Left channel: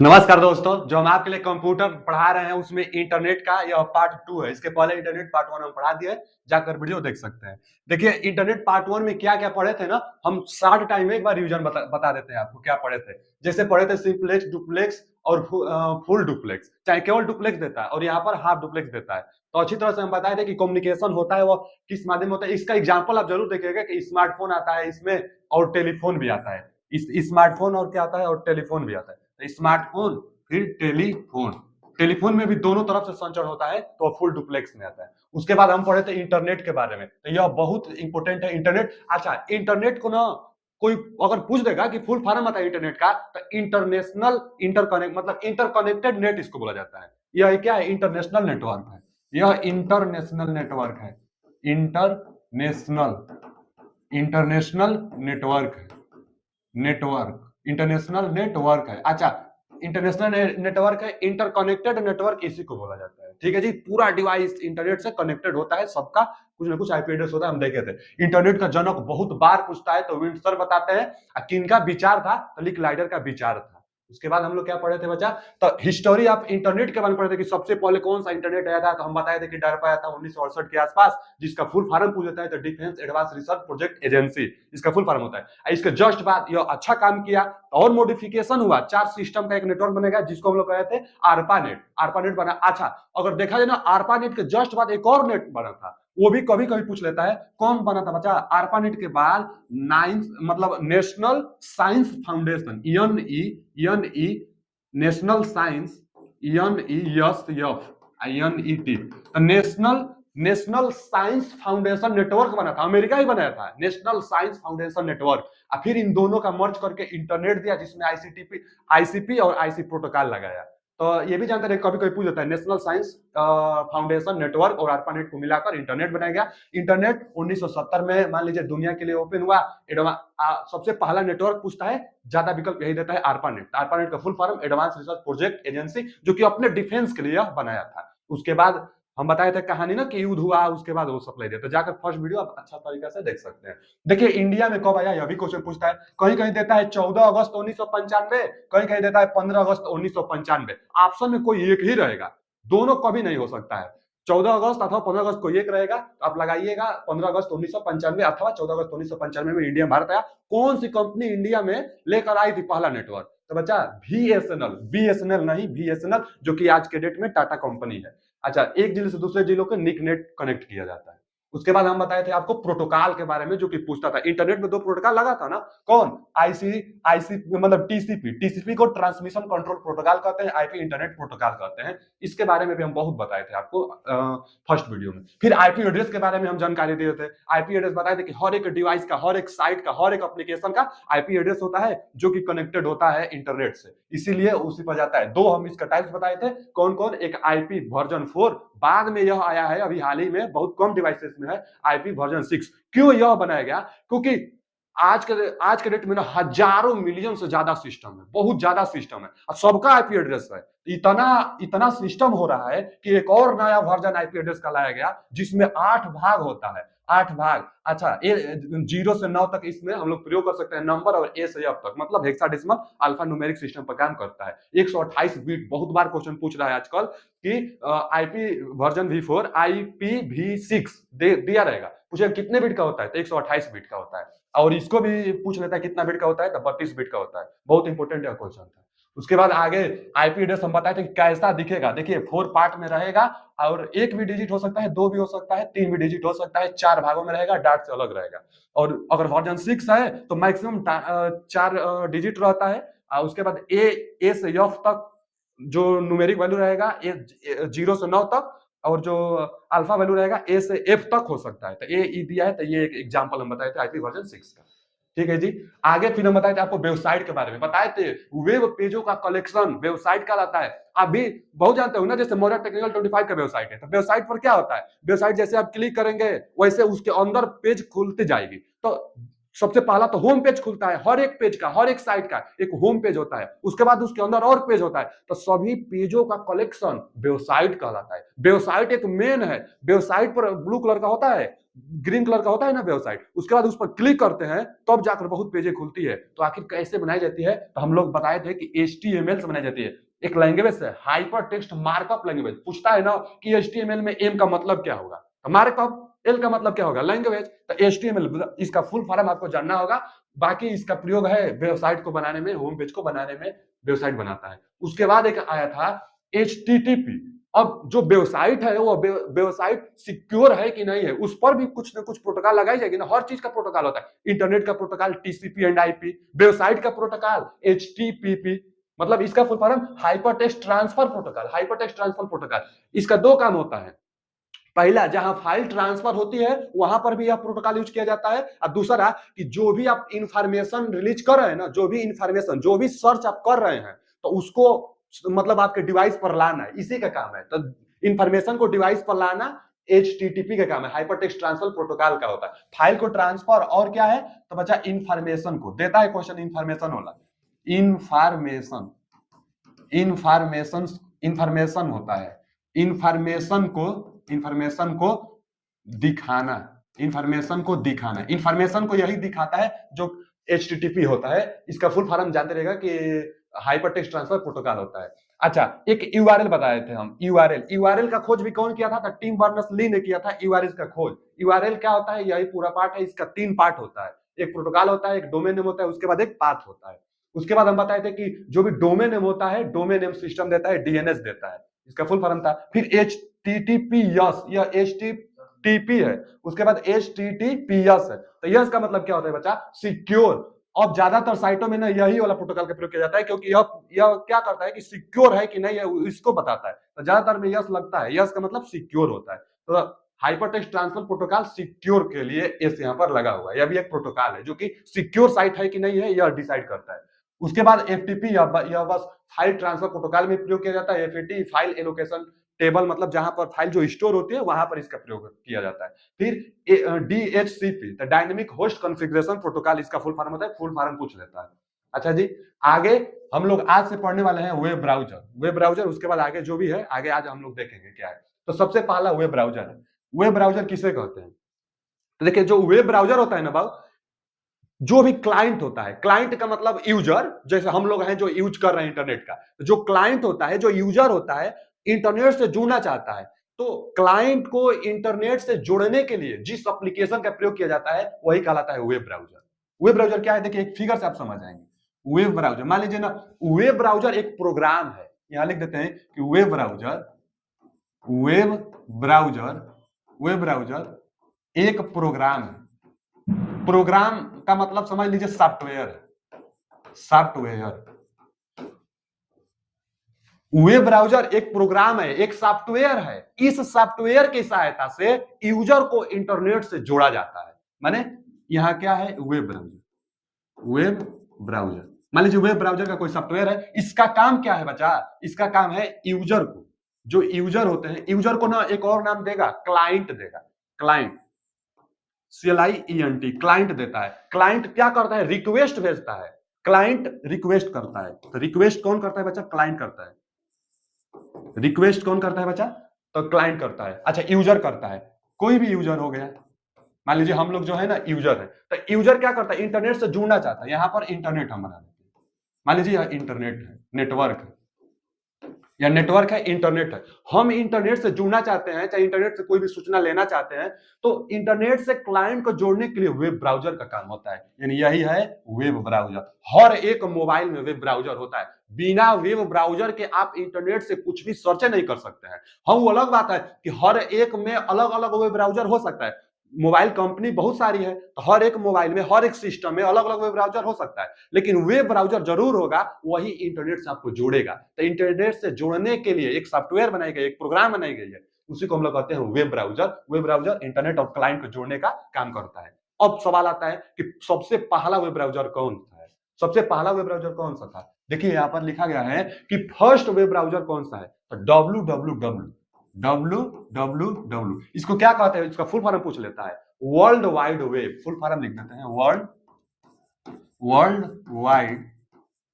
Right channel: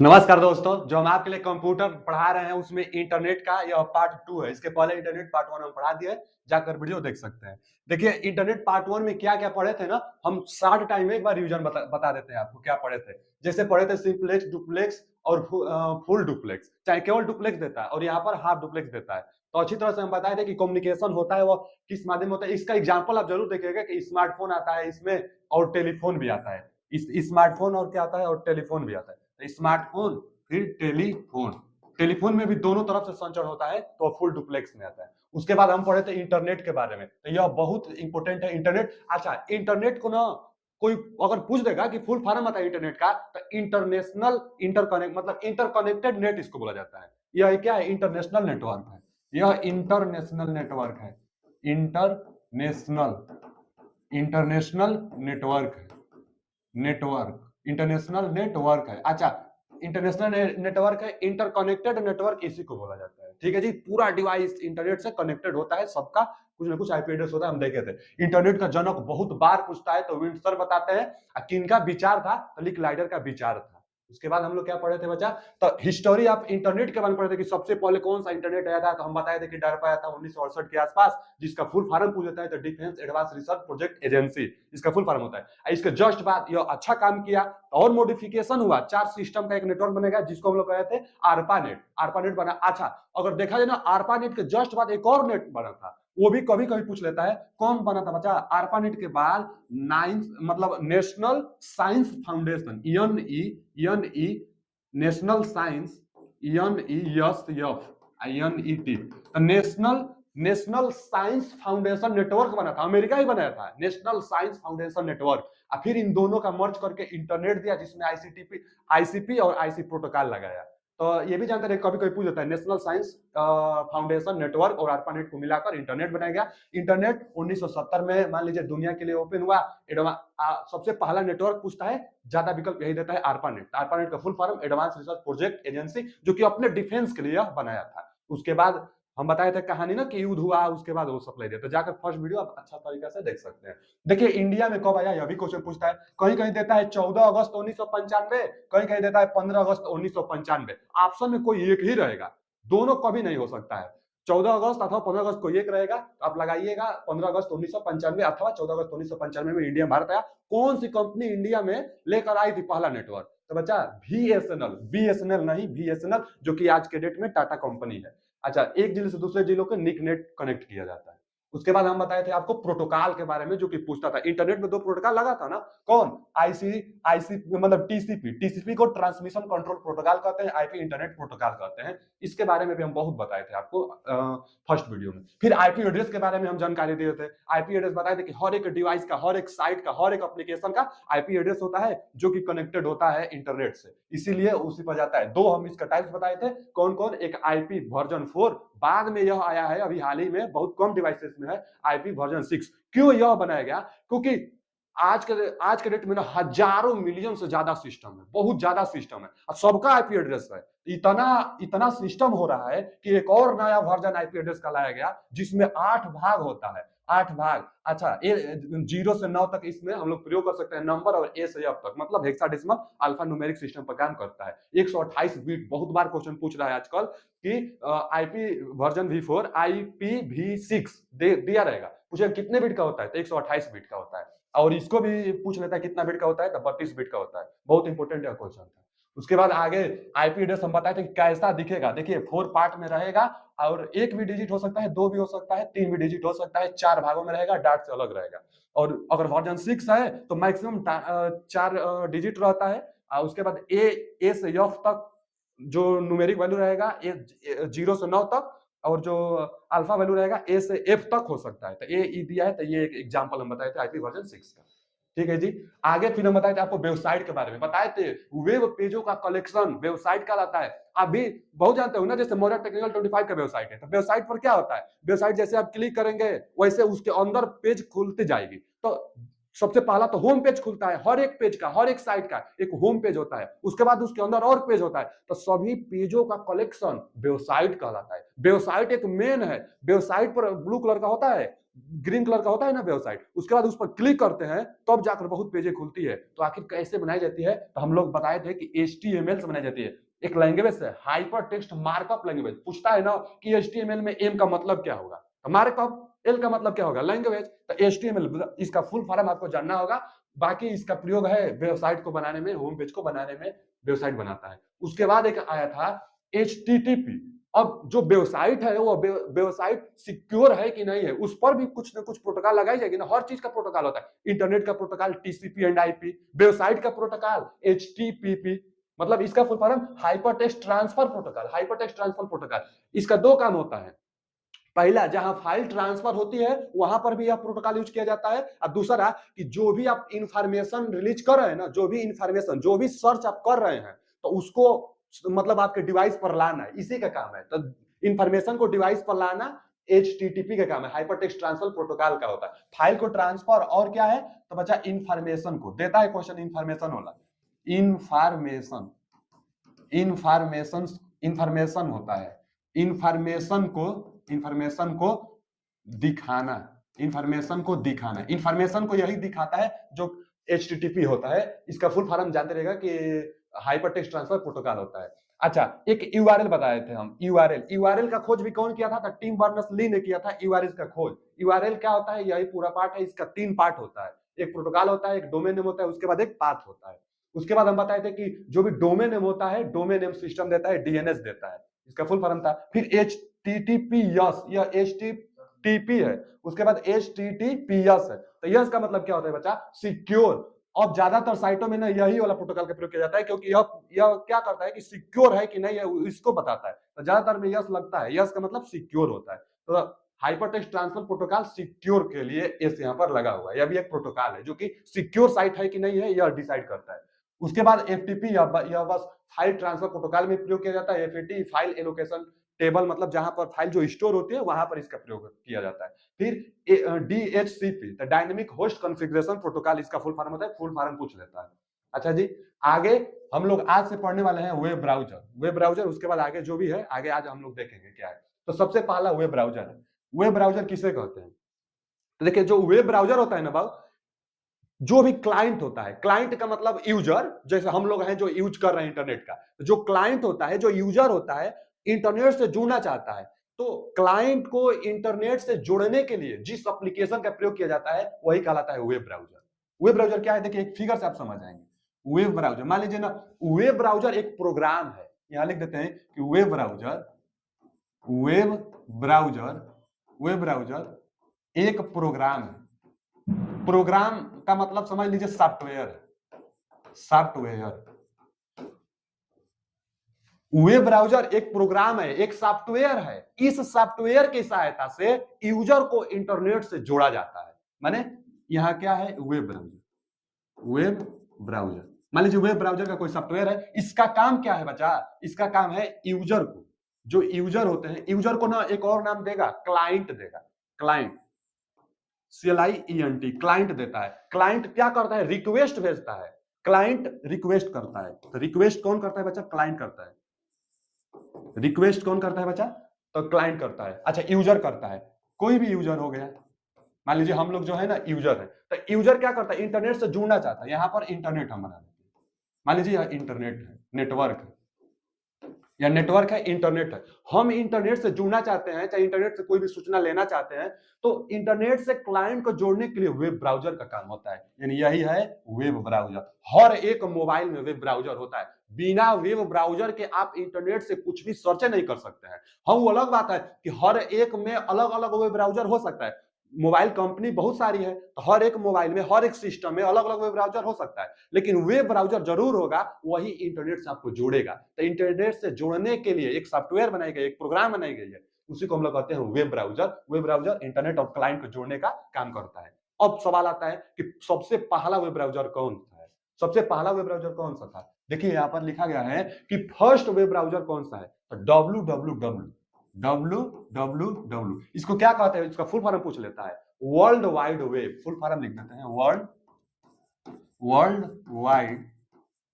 नमस्कार दोस्तों, जो हम आपके लिए कंप्यूटर पढ़ा रहे हैं उसमें इंटरनेट का यह पार्ट 2 है। इसके पहले इंटरनेट पार्ट 1 हम पढ़ा दिए, जाकर वीडियो देख सकते हैं। देखिए इंटरनेट पार्ट 1 में क्या-क्या पढ़े थे ना, हम शॉर्ट टाइम में एक बार रिवीजन बता देते हैं आपको क्या पढ़े थे। जैसे पढ़े थे सिंपलेक्स, डुप्लेक्स और फुल डुप्लेक्स। चाहे केवल डुप्लेक्स देता है और यहाँ पर हाफ डुप्लेक्स देता है। तो अच्छी तरह से हम बताए थे कि कम्युनिकेशन होता है वो किस माध्यम में होता है। इसका एग्जांपल आप जरूर देखिएगा कि स्मार्टफ़ोन आता है इसमें और टेलीफ़ोन भी आता है। इस स्मार्टफ़ोन और क्या आता है और टेलीफ़ोन भी आता है। स्मार्टफ़ोन फिर टेलीफोन। टेलीफोन में भी दोनों तरफ से संचरण होता है तो फुल डुप्लेक्स में आता है। उसके बाद हम पढ़े थे इंटरनेट के बारे में, तो यह बहुत इंपॉर्टेंट है इंटरनेट। अच्छा, इंटरनेट को ना कोई अगर पूछ देगा कि फुल फॉर्म आता है इंटरनेट का, तो इंटरनेशनल इंटरकनेक्ट मतलब इंटरकनेक्टेड नेट इसको बोला जाता है। यह क्या है? इंटरनेशनल नेटवर्क है। यह इंटरनेशनल नेटवर्क है। इंटरनेशनल इंटरनेशनल नेटवर्क है। नेटवर्क इंटरनेशनल नेटवर्क है। अच्छा, इंटरनेशनल नेटवर्क है, इंटरकनेक्टेड नेटवर्क इसी को बोला जाता है। ठीक है जी, पूरा डिवाइस इंटरनेट से कनेक्टेड होता है, सबका कुछ ना कुछ आईपी एड्रेस होता है। हम देखे थे इंटरनेट का जनक बहुत बार पूछता है तो विंडसर बताते हैं किनका विचार था, तो लिक लाइडर का विचार था। उसके बाद हम लोग क्या पढ़े थे बच्चा? तो हिस्टोरी ऑफ इंटरनेट के बारे में पढ़े थे कि सबसे पहले कौन सा इंटरनेट आया था। तो हम बताए थे कि डार्पा आया था 1968 के आसपास, जिसका फुल फॉर्म पूछ देता है तो defence advance research project agency, इसका फुल फॉर्म होता है। इसके जस्ट बाद यह अच्छा काम किया और मॉडिफिकेशन हुआ, 4 सिस्टम का एक नेटवर्क बनेगा जिसको हम लोग कहते हैं आरपानेट। आरपानेट बना। अच्छा, अगर देखा जाए ना, आरपानेट के जस्ट बाद एक और नेट बना था, वो भी कभी कभी पूछ लेता है। कौन बना था बच्चा? आरपानेट के बाद नाइन्थ मतलब National Science Foundation, N E National Science, N E National National Science Foundation network बना था। अमेरिका ही बनाया था नेशनल साइंस फाउंडेशन नेटवर्क। और फिर इन दोनों का मर्ज करके इंटरनेट दिया, जिसमें आईसीपी और आईसी प्रोटोकॉल लगाया। तो ये भी जानते रहे, कभी कभी पूछ जाता है नेशनल साइंस फाउंडेशन नेटवर्क और आरपानेट को मिलाकर इंटरनेट बनाया गया। इंटरनेट 1970 में मान लीजिए दुनिया के लिए ओपन हुआ। सबसे पहला नेटवर्क पूछता है, ज्यादा विकल्प यही देता है आरपानेट। आरपानेट का full form advance research project agency, जो कि अपने डिफेंस के लिए बनाया था। उसके बाद हम बताए थे कहानी ना कि युद्ध हुआ, उसके बाद वो सप्लाई दिया। तो जाकर फर्स्ट वीडियो आप अच्छा तरीके से देख सकते हैं। देखिए इंडिया में कब आया, यह भी क्वेश्चन पूछता है। कहीं कहीं देता है 14 अगस्त 1995, कहीं कहीं देता है 15 अगस्त 1995। ऑप्शन में कोई एक ही रहेगा, दोनों कभी नहीं हो सकता है। 14 अगस्त अथवा 15 अगस्त को एक रहेगा, आप लगाइएगा 15 अगस्त 1995 अथवा 14 अगस्त 1995 में इंडिया भारत आया। कौन सी कंपनी इंडिया में लेकर आई थी पहला नेटवर्क? तो बच्चा बीएसएनएल नहीं, बीएसएनएल, जो कि आज के डेट में टाटा कंपनी है। अच्छा, एक जिले से दूसरे जिलों को निक नेट कनेक्ट किया जाता है। उसके बाद हम बताए थे आपको प्रोटोकॉल के बारे में, जो कि पूछता था। इंटरनेट में दो प्रोटोकॉल लगा था ना, कौन? आईसी आईसी मतलब टीसीपी। टीसीपी को ट्रांसमिशन कंट्रोल प्रोटोकॉल कहते हैं, आईपी इंटरनेट प्रोटोकॉल कहते हैं। इसके बारे में भी हम बहुत बताए थे आपको फर्स्ट वीडियो में। फिर आईपी एड्रेस के बारे में हम जानकारी दिए थे। आईपी एड्रेस बताए थे कि हर एक डिवाइस का, हर एक साइट का, हर एक एप्लीकेशन का आईपी एड्रेस होता है, जो कि कनेक्टेड होता है इंटरनेट से, इसीलिए उसी पर जाता है। दो हम इसका टाइप्स बताए थे, कौन कौन? एक आईपी वर्जन 4, बाद में यह आया है अभी हाल ही में, बहुत कम डिवाइसेस में है, आईपी वर्जन 6। क्यों यह बनाया गया? क्योंकि आज के डेट में ना हजारों मिलियन से ज्यादा सिस्टम है, बहुत ज्यादा सिस्टम है और सबका आईपी एड्रेस है। इतना इतना सिस्टम हो रहा है कि एक और नया वर्जन आईपी एड्रेस का लाया गया, जिसमें 8 भाग होता है। 8 भाग। अच्छा, 0 से 9 तक इसमें हम लोग प्रयोग कर सकते हैं नंबर, और ए से एफ तक मतलब हेक्साडेसिमल अल्फा न्यूमेरिक सिस्टम पर काम करता है। 128 बीट। बहुत बार क्वेश्चन पूछ रहा है आजकल कि आईपी वर्जन V4 IPv6 दिया रहेगा, पूछे कितने बिट का होता है, तो 128 बिट का होता है। और इसको भी पूछ लेता है कितना बिट का होता है, तो 32 बिट का होता है। बहुत इंपॉर्टेंट यह क्वेश्चन था। उसके बाद आगे आईपी एड्रेस हम बताए थे कि कैसा दिखेगा। देखिए 4 पार्ट में रहेगा, और एक भी डिजिट हो सकता है, दो भी हो सकता है, तीन भी डिजिट हो सकता है, 4 भागों में रहेगा, डाट से अलग रहेगा। और अगर वर्जन 6 है तो मैक्सिमम 4 डिजिट रहता है। उसके बाद ए से एफ तक जो न्यूमेरिक वैल्यू रहेगा, ए 0 से 9 तक, और जो अल्फा वैल्यू रहेगा ए से एफ तक हो सकता है। तो ए ई दिया है, तो ये एक एग्जांपल हम बताए थे आईपी वर्जन 6 का। ठीक है जी। आगे फिर हम बताए थे आपको वेबसाइट के बारे में, बताए थे वेब पेजों का कलेक्शन वेबसाइट कहलाता है। आप भी बहुत जानते हो ना, जैसे मॉडर्न टेक्निकल 25 का वेबसाइट है, तो वेबसाइट पर क्या होता है? वेबसाइट जैसे आप क्लिक करेंगे वैसे उसके अंदर पेज खुलती जाएगी। तो सबसे पहला तो होम पेज खुलता है, हर एक पेज का, हर एक साइट का एक होम पेज होता है, उसके बाद उसके अंदर और पेज होता है, तो सभी पेजों का कलेक्शन वेबसाइट कहलाता है। वेबसाइट एक मेन है, वेबसाइट पर ब्लू कलर का होता है, ग्रीन कलर का होता है ना वेबसाइट, उसके बाद उस पर क्लिक करते हैं तब जाकर बहुत पेजें खुलती है। तो आखिर कैसे बनाई जाती है, तो हम लोग बताए थे कि HTML से बनाई जाती है, एक लैंग्वेज है, हाइपर टेक्स्ट मार्कअप लैंग्वेज। पूछता है ना कि HTML में एम का मतलब क्या होगा, मार्कअप, एल का मतलब क्या होगा, लैंग्वेज। तो HTML इसका फुल फॉर्म आपको जानना होगा। बाकी इसका प्रयोग है वेबसाइट को बनाने में, होम पेज को बनाने में, वेबसाइट बनाता है। उसके बाद एक आया था HTTP। अब जो वेबसाइट है वो वेबसाइट सिक्योर है कि नहीं है, उस पर भी कुछ ना कुछ प्रोटोकॉल लगाई जाएगी ना, हर चीज का प्रोटोकॉल होता है। इंटरनेट का protocol TCP and IP, website का प्रोटोकॉल HTTP, मतलब इसका full form hyper text transfer protocol, hyper text transfer protocol. इसका दो काम होता है, पहला जहां फाइल ट्रांसफर होती है वहां पर भी यह प्रोटोकॉल यूज किया जाता है, और दूसरा कि जो भी आप इंफॉर्मेशन रिलीज कर रहे हैं ना, जो भी इंफॉर्मेशन, जो भी सर्च आप कर रहे हैं, तो उसको मतलब आपके डिवाइस पर लाना है, इसी का काम है। तो इंफॉर्मेशन को डिवाइस पर लाना HTTP का काम है, हाइपर टेक्स्ट ट्रांसफर प्रोटोकॉल का होता है। फाइल को ट्रांसफर और क्या है, तो बच्चा इंफॉर्मेशन को देता है क्वेश्चन, इंफॉर्मेशन वाला, इंफॉर्मेशन, इंफॉर्मेशन, इंफॉर्मेशन होता है, इंफॉर्मेशन को, इंफॉर्मेशन को दिखाना, इंफॉर्मेशन को दिखाना, इंफॉर्मेशन को यही दिखाता है जो HTTP होता है। इसका फुल फॉर्म जानते रहेगा कि हाइपर टेक्स्ट ट्रांसफर प्रोटोकॉल होता है। अच्छा, एक यूआरएल बताए थे हम, यूआरएल, यूआरएल का खोज भी कौन किया था, टिम बर्नर्स-ली ने किया था यूआरएल का खोज। यूआरएल क्या होता है, यही पूरा पार्ट है, इसका 3 पार्ट होता है, एक प्रोटोकॉल होता है, एक डोमेन नेम होता है, उसके बाद एक पाथ होता है। उसके बाद हम बताए थे कि जो भी डोमेन नेम होता है, डोमेन नेम सिस्टम देता है, डीएनएस देता है, इसका फुल फॉर्म था। फिर HTTPS, यह HTTP है, उसके बाद HTTPS है। तो यस का मतलब क्या होता है बच्चा, सिक्योर। अब ज्यादातर साइटों में ना यही वाला प्रोटोकॉल का प्रयोग किया जाता है, क्योंकि यह क्या करता है कि सिक्योर है कि नहीं है इसको बताता है, तो ज्यादातर में यस लगता है, यस का मतलब सिक्योर होता है। तो hyper text transfer protocol secure के लिए एस यहाँ पर लगा हुआ है, यह भी एक प्रोटोकॉल है जो कि सिक्योर साइट है कि नहीं है यह डिसाइड करता है। उसके बाद FTP, यह बस फाइल ट्रांसफर प्रोटोकॉल में प्रयोग किया जाता है। FTP फाइल एलोकेशन टेबल, मतलब जहां पर फाइल जो स्टोर होती है वहां पर इसका प्रयोग किया जाता है। फिर DHCP, तो डायनेमिक होस्ट कॉन्फ़िगरेशन प्रोटोकॉल, इसका फुल फॉर्म होता है, फुल फॉर्म पूछ लेता है। अच्छा जी, आगे हम लोग आज से पढ़ने वाले हैं वेब ब्राउजर, वेब ब्राउजर, उसके बाद आगे जो भी है आगे आज हम लोग देखेंगे क्या है। तो सबसे पहला वेब ब्राउजर है। वेब ब्राउजर किसे कहते हैं, तो देखिए जो वेब ब्राउजर होता है ना बाबू, जो भी क्लाइंट होता है, क्लाइंट का मतलब यूजर, जैसे हम लोग हैं जो यूज कर रहे हैं इंटरनेट का, जो क्लाइंट होता है, जो यूजर होता है, इंटरनेट से जुड़ना चाहता है, तो क्लाइंट को इंटरनेट से जोड़ने के लिए जिस एप्लीकेशन का प्रयोग किया जाता है वही कहलाता है वेब ब्राउजर। वेब ब्राउजर क्या है, देखिए एक फिगर से आप समझ जाएंगे। वेब ब्राउजर, मान लीजिए ना, वेब ब्राउजर एक प्रोग्राम है, यहां लिख देते हैं कि web browser, web browser, web browser एक प्रोग्राम है। प्रोग्राम का मतलब समझ लीजिए सॉफ्टवेयर, सॉफ्टवेयर। वेब ब्राउजर एक प्रोग्राम है, एक सॉफ्टवेयर है, इस सॉफ्टवेयर की सहायता से यूजर को इंटरनेट से जोड़ा जाता है। माने यहां क्या है, वेब ब्राउजर, वेब ब्राउजर, मान लीजिए वेब ब्राउजर का कोई सॉफ्टवेयर है, इसका काम क्या है बच्चा, इसका काम है यूजर को, जो यूजर होते हैं, यूजर को ना एक और नाम देगा, क्लाइंट देगा, क्लाइंट, CLIENT, क्लाइंट देता है। क्लाइंट क्या करता है, रिक्वेस्ट भेजता है, क्लाइंट रिक्वेस्ट करता है। तो रिक्वेस्ट कौन करता है बच्चा, क्लाइंट करता है। रिक्वेस्ट कौन करता है बच्चा, तो क्लाइंट करता है। अच्छा, यूजर करता है, कोई भी यूजर हो गया, मान लीजिए हम लोग जो है ना यूजर है, तो यूजर क्या करता है, इंटरनेट से जुड़ना चाहता है, यहां पर इंटरनेट हम बना देते हैं, मान लीजिए यह इंटरनेट है, नेटवर्क है, या नेटवर्क है, इंटरनेट है, हम इंटरनेट से जुड़ना चाहते हैं, चाहे इंटरनेट से कोई भी सूचना लेना चाहते हैं, तो इंटरनेट से क्लाइंट को जोड़ने के लिए वेब ब्राउजर का काम होता है, यानी यही है वेब ब्राउजर। हर एक मोबाइल में वेब ब्राउजर होता है, बिना वेब ब्राउजर के आप इंटरनेट से कुछ भी सर्च नहीं कर सकते हैं। हाँ, वो अलग बात है कि हर एक में अलग अलग वेब ब्राउजर हो सकता है, मोबाइल कंपनी बहुत सारी है, तो हर एक मोबाइल में, हर एक सिस्टम में अलग अलग वेब ब्राउजर हो सकता है, लेकिन वेब ब्राउजर जरूर होगा, वही इंटरनेट से आपको जोड़ेगा। तो इंटरनेट से जोड़ने के लिए एक सॉफ्टवेयर बनाई गई, एक प्रोग्राम बनाई गई है, उसी को हम लोग कहते हैं web browser. Web browser internet और क्लाइंट को जोड़ने का काम करता है। अब सवाल आता है कि सबसे पहला वेब ब्राउजर कौन सा है, सबसे पहला वेब ब्राउजर कौन सा था, देखिए यहाँ पर लिखा गया है कि फर्स्ट वेब ब्राउजर कौन सा है, तो www, www, इसको क्या कहते हैं, इसका फुल फॉर्म पूछ लेता है, world wide web, full form लिख देते हैं, world world wide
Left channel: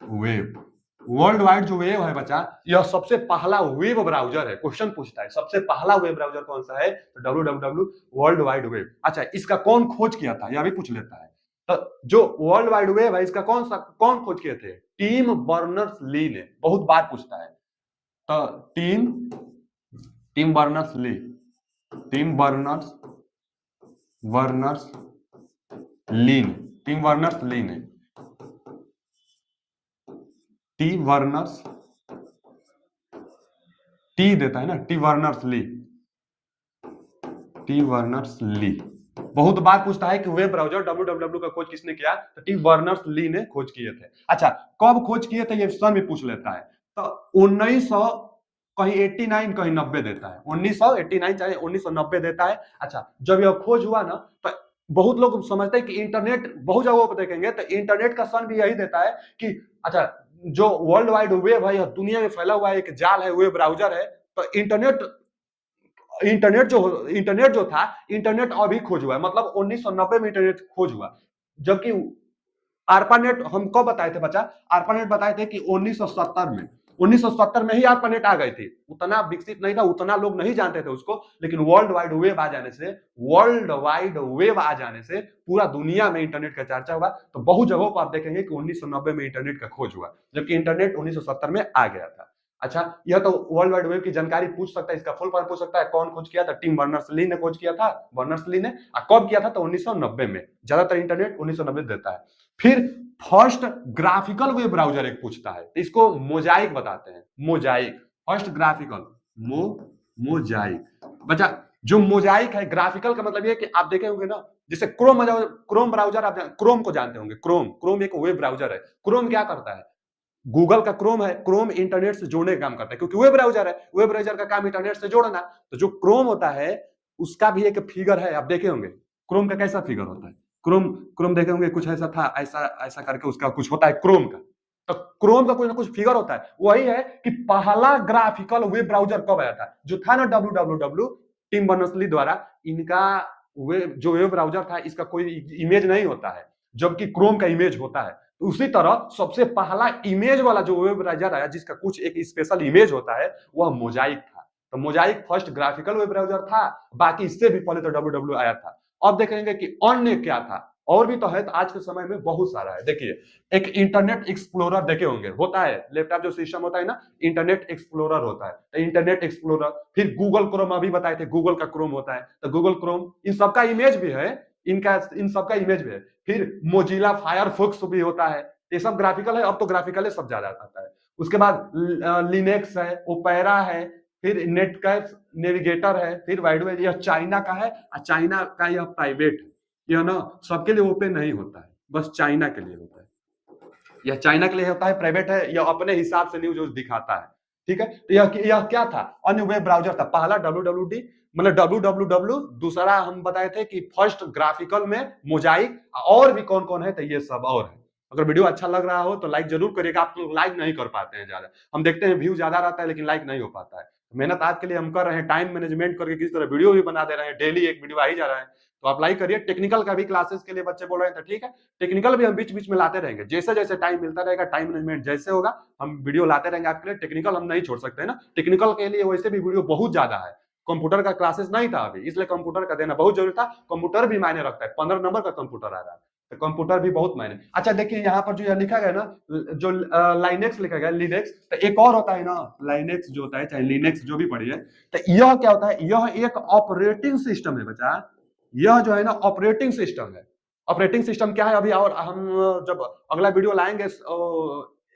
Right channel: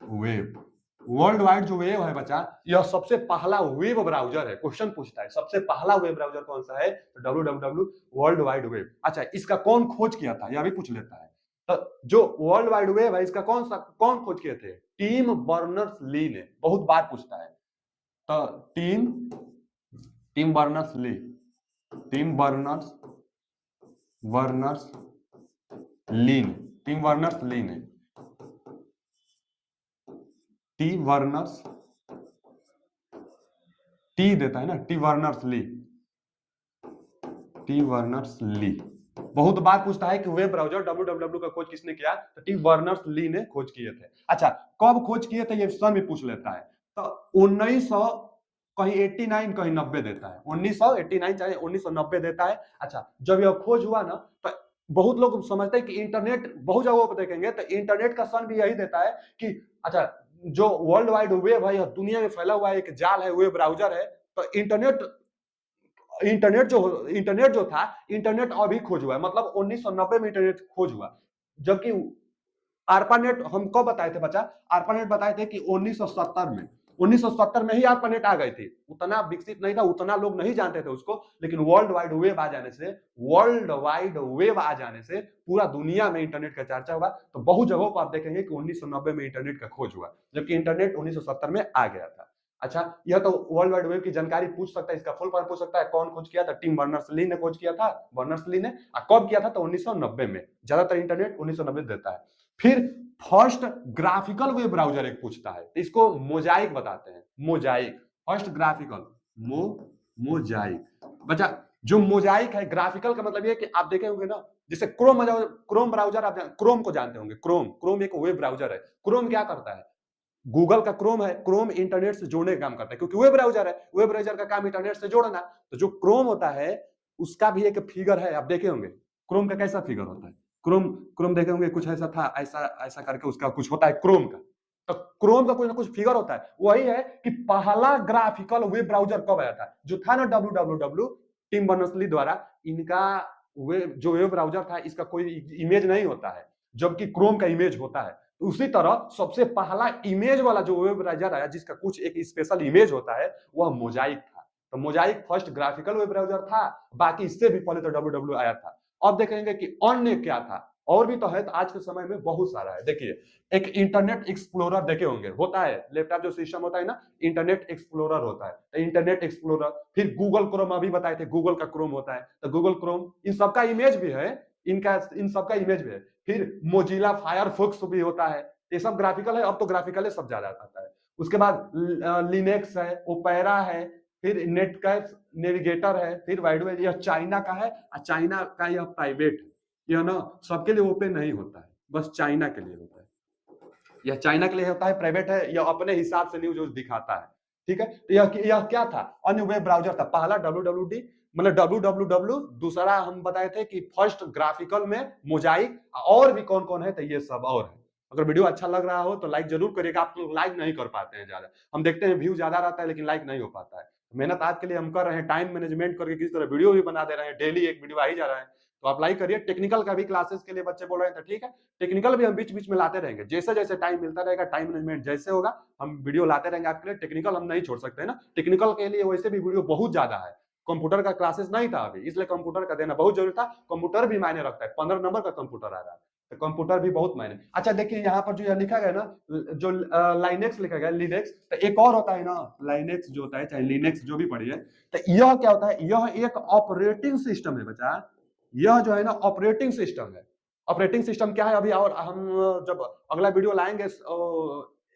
web. World wide जो वेब है बच्चा, यह सबसे पहला वेब ब्राउजर है। क्वेश्चन पूछता है सबसे पहला वेब ब्राउजर कौन सा है, तो www वर्ल्ड वाइड वेब। अच्छा, इसका कौन खोज किया था, यह भी पूछ लेता है। तो जो वर्ल्ड वाइड वेब है, इसका कौन खोज किए थे, टिम बर्नर्स ली ने। बहुत बार पूछता है। तो Tim Berners Lee, Tim Berners Berners Lee ने, टिम बर्नर्स ली ने, टी वर्नर्स, टी देता है ना, टी वर्नर्स ली, टी वर्नर्स ली। बहुत बार पूछता है कि वेब ब्राउजर www का खोज किसने किया, तो टी वर्नर्स ली ने खोज किए थे। अच्छा, कब खोज किए थे ये सन भी पूछ लेता है। तो 1900 कहीं 89 कहीं 90 देता है, 1989 चाहे 1990 देता है। अच्छा, जब यह खोज हुआ ना, तो बहुत लोग समझते हैं कि इंटरनेट, बहुत जगहों पर देखेंगे तो इंटरनेट का सन भी यही देता है कि अच्छा, जो वर्ल्ड वाइड वेब है, यह दुनिया में फैला हुआ एक जाल है, वेब ब्राउजर है। तो इंटरनेट जो था, इंटरनेट अभी खोज हुआ है, मतलब 1990 में इंटरनेट खोज हुआ। जबकि आर्पानेट हम कब बताए थे बच्चा, आर्पानेट बताए थे कि 1970 में, 1970 में ही आर्पानेट आ गई थी। उतना विकसित नहीं था, उतना लोग नहीं जानते थे उसको, लेकिन वर्ल्ड वाइड वेब आ जाने से, वर्ल्ड वाइड वेब आ जाने से पूरा दुनिया में इंटरनेट का चर्चा हुआ। तो बहुत जगहों पर आप देखेंगे कि 1990 में इंटरनेट का खोज हुआ, जबकि इंटरनेट 1970 में आ गया था। अच्छा, यह तो वर्ल्ड वाइड वेब की जानकारी पूछ सकता है, इसका फुल फॉर्म पूछ सकता है, कौन खोज किया था, टिम बर्नर्स ली ने खोज किया था, बर्नर्स ली ने। कब किया था, तो 1990 में। ज्यादातर इंटरनेट 1990 देता है। फिर फर्स्ट ग्राफिकल वेब ब्राउजर एक पूछता है, इसको मोजाइक बताते हैं, मोजाइक। First graphical, Mosaic. बच्चा, जो मोजाइक है, ग्राफिकल का मतलब ये है कि आप देखे होंगे ना, जैसे क्रोम ब्राउजर, आप क्रोम को जानते होंगे, क्रोम एक वेब ब्राउजर है। क्रोम क्या करता है, गूगल का क्रोम है, क्रोम इंटरनेट से जोड़ने का काम करता है, क्योंकि वेब ब्राउजर है, वेब ब्राउजर का काम इंटरनेट से जोड़ना। तो जो क्रोम होता है, उसका भी एक फिगर है, आप देखे होंगे क्रोम का कैसा फिगर होता है। क्रोम क्रोम देखे होंगे, कुछ ऐसा था, ऐसा ऐसा करके उसका कुछ होता है क्रोम का। तो क्रोम का कुछ ना कुछ फिगर होता है। वही है कि पहला ग्राफिकल वेब ब्राउजर कब आया था, जो था ना www, टिम बर्नर्स-ली द्वारा। इनका जो वेब ब्राउजर था, इसका कोई इमेज नहीं होता है, जबकि क्रोम का इमेज होता है। उसी तरह सबसे पहला इमेज वाला जो वेब ब्राउजर आया, जिसका कुछ एक स्पेशल इमेज होता है, वह मोजाइक था। तो Mosaic first graphical web browser था। बाकी इससे भी पहले तो www आया था। अब देखेंगे कि अन्य क्या था, और भी तो है, तो आज के समय में बहुत सारा है। देखिए, एक इंटरनेट एक्सप्लोरर देखे होंगे, होता है लैपटॉप जो सिस्टम होता है ना, इंटरनेट एक्सप्लोरर होता है। तो इंटरनेट एक्सप्लोरर, फिर गूगल क्रोम, अभी बताए थे गूगल का क्रोम होता है, तो गूगल क्रोम, इन सबका इमेज भी है, इन सबका इमेज भी है। फिर मोजिला फायरफॉक्स भी होता है। ये सब ग्राफिकल है, अब तो ग्राफिकल सब ज्यादा आता है। उसके बाद लिनक्स है, ओपेरा है, फिर नेटकैफ नेविगेटर है, फिर वाइडवेव, यह चाइना का है, और चाइना का यह प्राइवेट है। यह ना सबके लिए ओपन नहीं होता है, बस चाइना के लिए होता है। यह चाइना के लिए होता है, प्राइवेट है, यह अपने हिसाब से न्यूज दिखाता है। ठीक है, तो यह क्या था, अन्य वेब ब्राउजर था। पहला www, मतलब www, दूसरा हम बताए थे कि फर्स्ट ग्राफिकल में मोजाइक, और भी कौन कौन है, तो ये सब और है। अगर वीडियो अच्छा लग रहा हो तो लाइक जरूर करिएगा। आप लोग लाइक नहीं कर पाते हैं ज्यादा, हम देखते हैं व्यू ज्यादा रहता है, लेकिन लाइक नहीं हो पाता है। मेहनत आपके लिए हम कर रहे हैं, टाइम मैनेजमेंट करके किस तरह वीडियो भी बना दे रहे हैं, डेली एक वीडियो आ ही जा रहा है। तो आप लाइक करिए। टेक्निकल का भी क्लासेस के लिए बच्चे बोल रहे हैं, तो ठीक है, टेक्निकल भी हम बीच बीच में लाते रहेंगे, जैसे जैसे टाइम मिलता रहेगा, टाइम मैनेजमेंट जैसे होगा, हम वीडियो लाते रहेंगे आपके लिए। टेक्निकल हम नहीं छोड़ सकते हैं ना, टेक्निकल के लिए वैसे भी वीडियो बहुत ज्यादा है। कंप्यूटर का क्लासेस नहीं था अभी, इसलिए कंप्यूटर का देना बहुत जरूरी था। कंप्यूटर भी मायने रखता है, 15 नंबर का कंप्यूटर आ रहा है, तो कंप्यूटर भी बहुत मायने। अच्छा, देखिए यहाँ पर जो यह लिखा गया ना, जो लाइनेक्स लिखा गया, लिनक्स, तो एक और होता है ना, लाइनेक्स जो होता है, चाहे लिनक्स जो भी पढ़िए, तो यह क्या होता है, यह एक ऑपरेटिंग सिस्टम है बच्चा। यह जो है ना, ऑपरेटिंग सिस्टम है। ऑपरेटिंग सिस्टम क्या है, अभी और हम जब अगला वीडियो लाएंगे,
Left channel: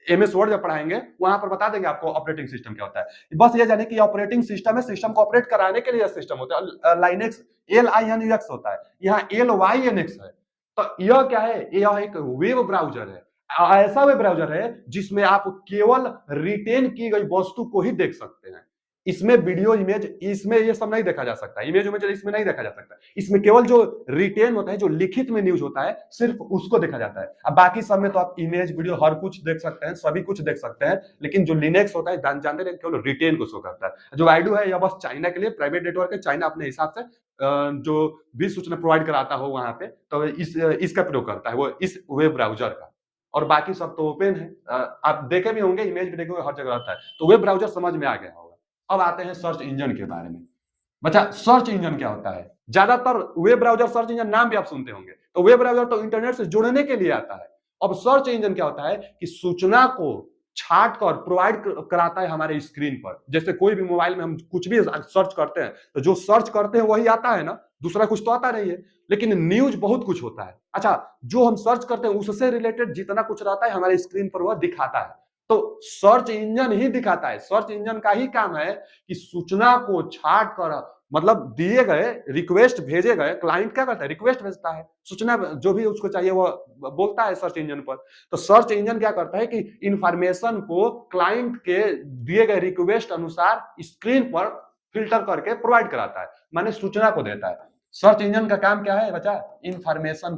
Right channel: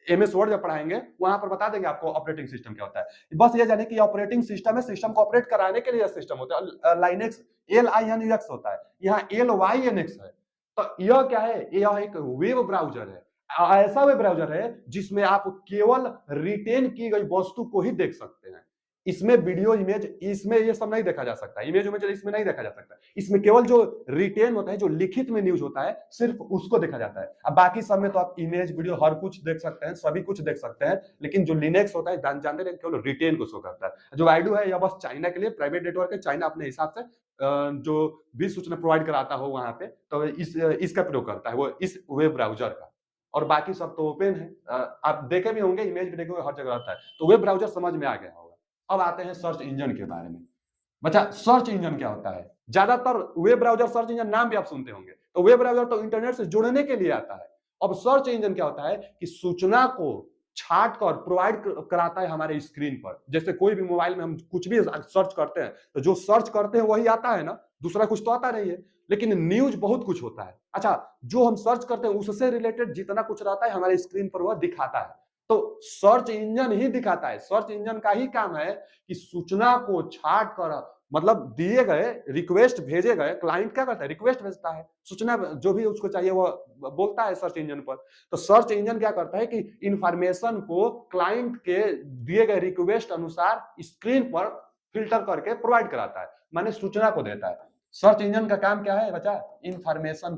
एमएस वर्ड जब पढ़ाएंगे, वहां पर बता देंगे आपको ऑपरेटिंग सिस्टम क्या होता है। बस ये जाने कि ऑपरेटिंग सिस्टम है, सिस्टम को ऑपरेट कराने के लिए सिस्टम होता है। लाइनेक्स LINUX होता है, यहाँ LYNX है। तो यह क्या है, यह एक वेब ब्राउजर है। ऐसा वेब ब्राउजर है जिसमें आप केवल रिटेन की गई वस्तु को ही देख सकते हैं। इसमें वीडियो, इमेज, इसमें ये सब नहीं देखा जा सकता, इमेज इमेज इसमें नहीं देखा जा सकता। इसमें केवल जो रिटेन होता है, जो लिखित में न्यूज होता है, सिर्फ उसको देखा जाता है। अब बाकी सब में तो आप इमेज, वीडियो हर कुछ देख सकते हैं, सभी कुछ देख सकते हैं, लेकिन जो लिनक्स होता है, जानते हैं, केवल रिटेन को शो करता है। जो वाइडू है, यह बस चाइना के लिए प्राइवेट नेटवर्क है, चाइना अपने हिसाब से जो भी सूचना प्रोवाइड कराता हो वहां पे, तो इसका प्रयोग करता है, वो इस वेब ब्राउजर का। और बाकी सब तो ओपन है। आप देखे भी होंगे, इमेज भी देखे होंगे, हर जगह रहता है। तो वेब ब्राउजर समझ में आ गया होगा। अब आते हैं सर्च इंजन के बारे में। बच्चा, सर्च इंजन क्या होता है? ज्यादातर वेब ब्राउजर सर्च इंजन नाम भी आप सुनते होंगे, तो वेब ब्राउजर तो इंटरनेट से जुड़ने के लिए आता है। अब सर्च इंजन क्या होता है कि सूचना को छाट कर प्रोवाइड कराता है हमारे स्क्रीन पर। जैसे कोई भी मोबाइल में हम कुछ भी सर्च करते हैं, तो जो सर्च करते हैं वही आता है ना, दूसरा कुछ तो आता नहीं है। लेकिन न्यूज बहुत कुछ होता है। अच्छा, जो हम सर्च करते हैं उससे रिलेटेड जितना कुछ रहता है हमारे स्क्रीन पर वह दिखाता है। तो सर्च इंजन ही दिखाता है। सर्च इंजन का ही काम है कि सूचना को छाट कर, मतलब दिए गए रिक्वेस्ट भेजे गए, क्लाइंट क्या करता है? रिक्वेस्ट भेजता है, सूचना जो भी उसको चाहिए वो बोलता है सर्च इंजन पर। तो सर्च इंजन क्या करता है कि इंफॉर्मेशन को क्लाइंट के दिए गए रिक्वेस्ट अनुसार स्क्रीन पर फिल्टर करके प्रोवाइड कराता है, माने सूचना को देता है। सर्च इंजन का काम क्या है बच्चा? इंफॉर्मेशन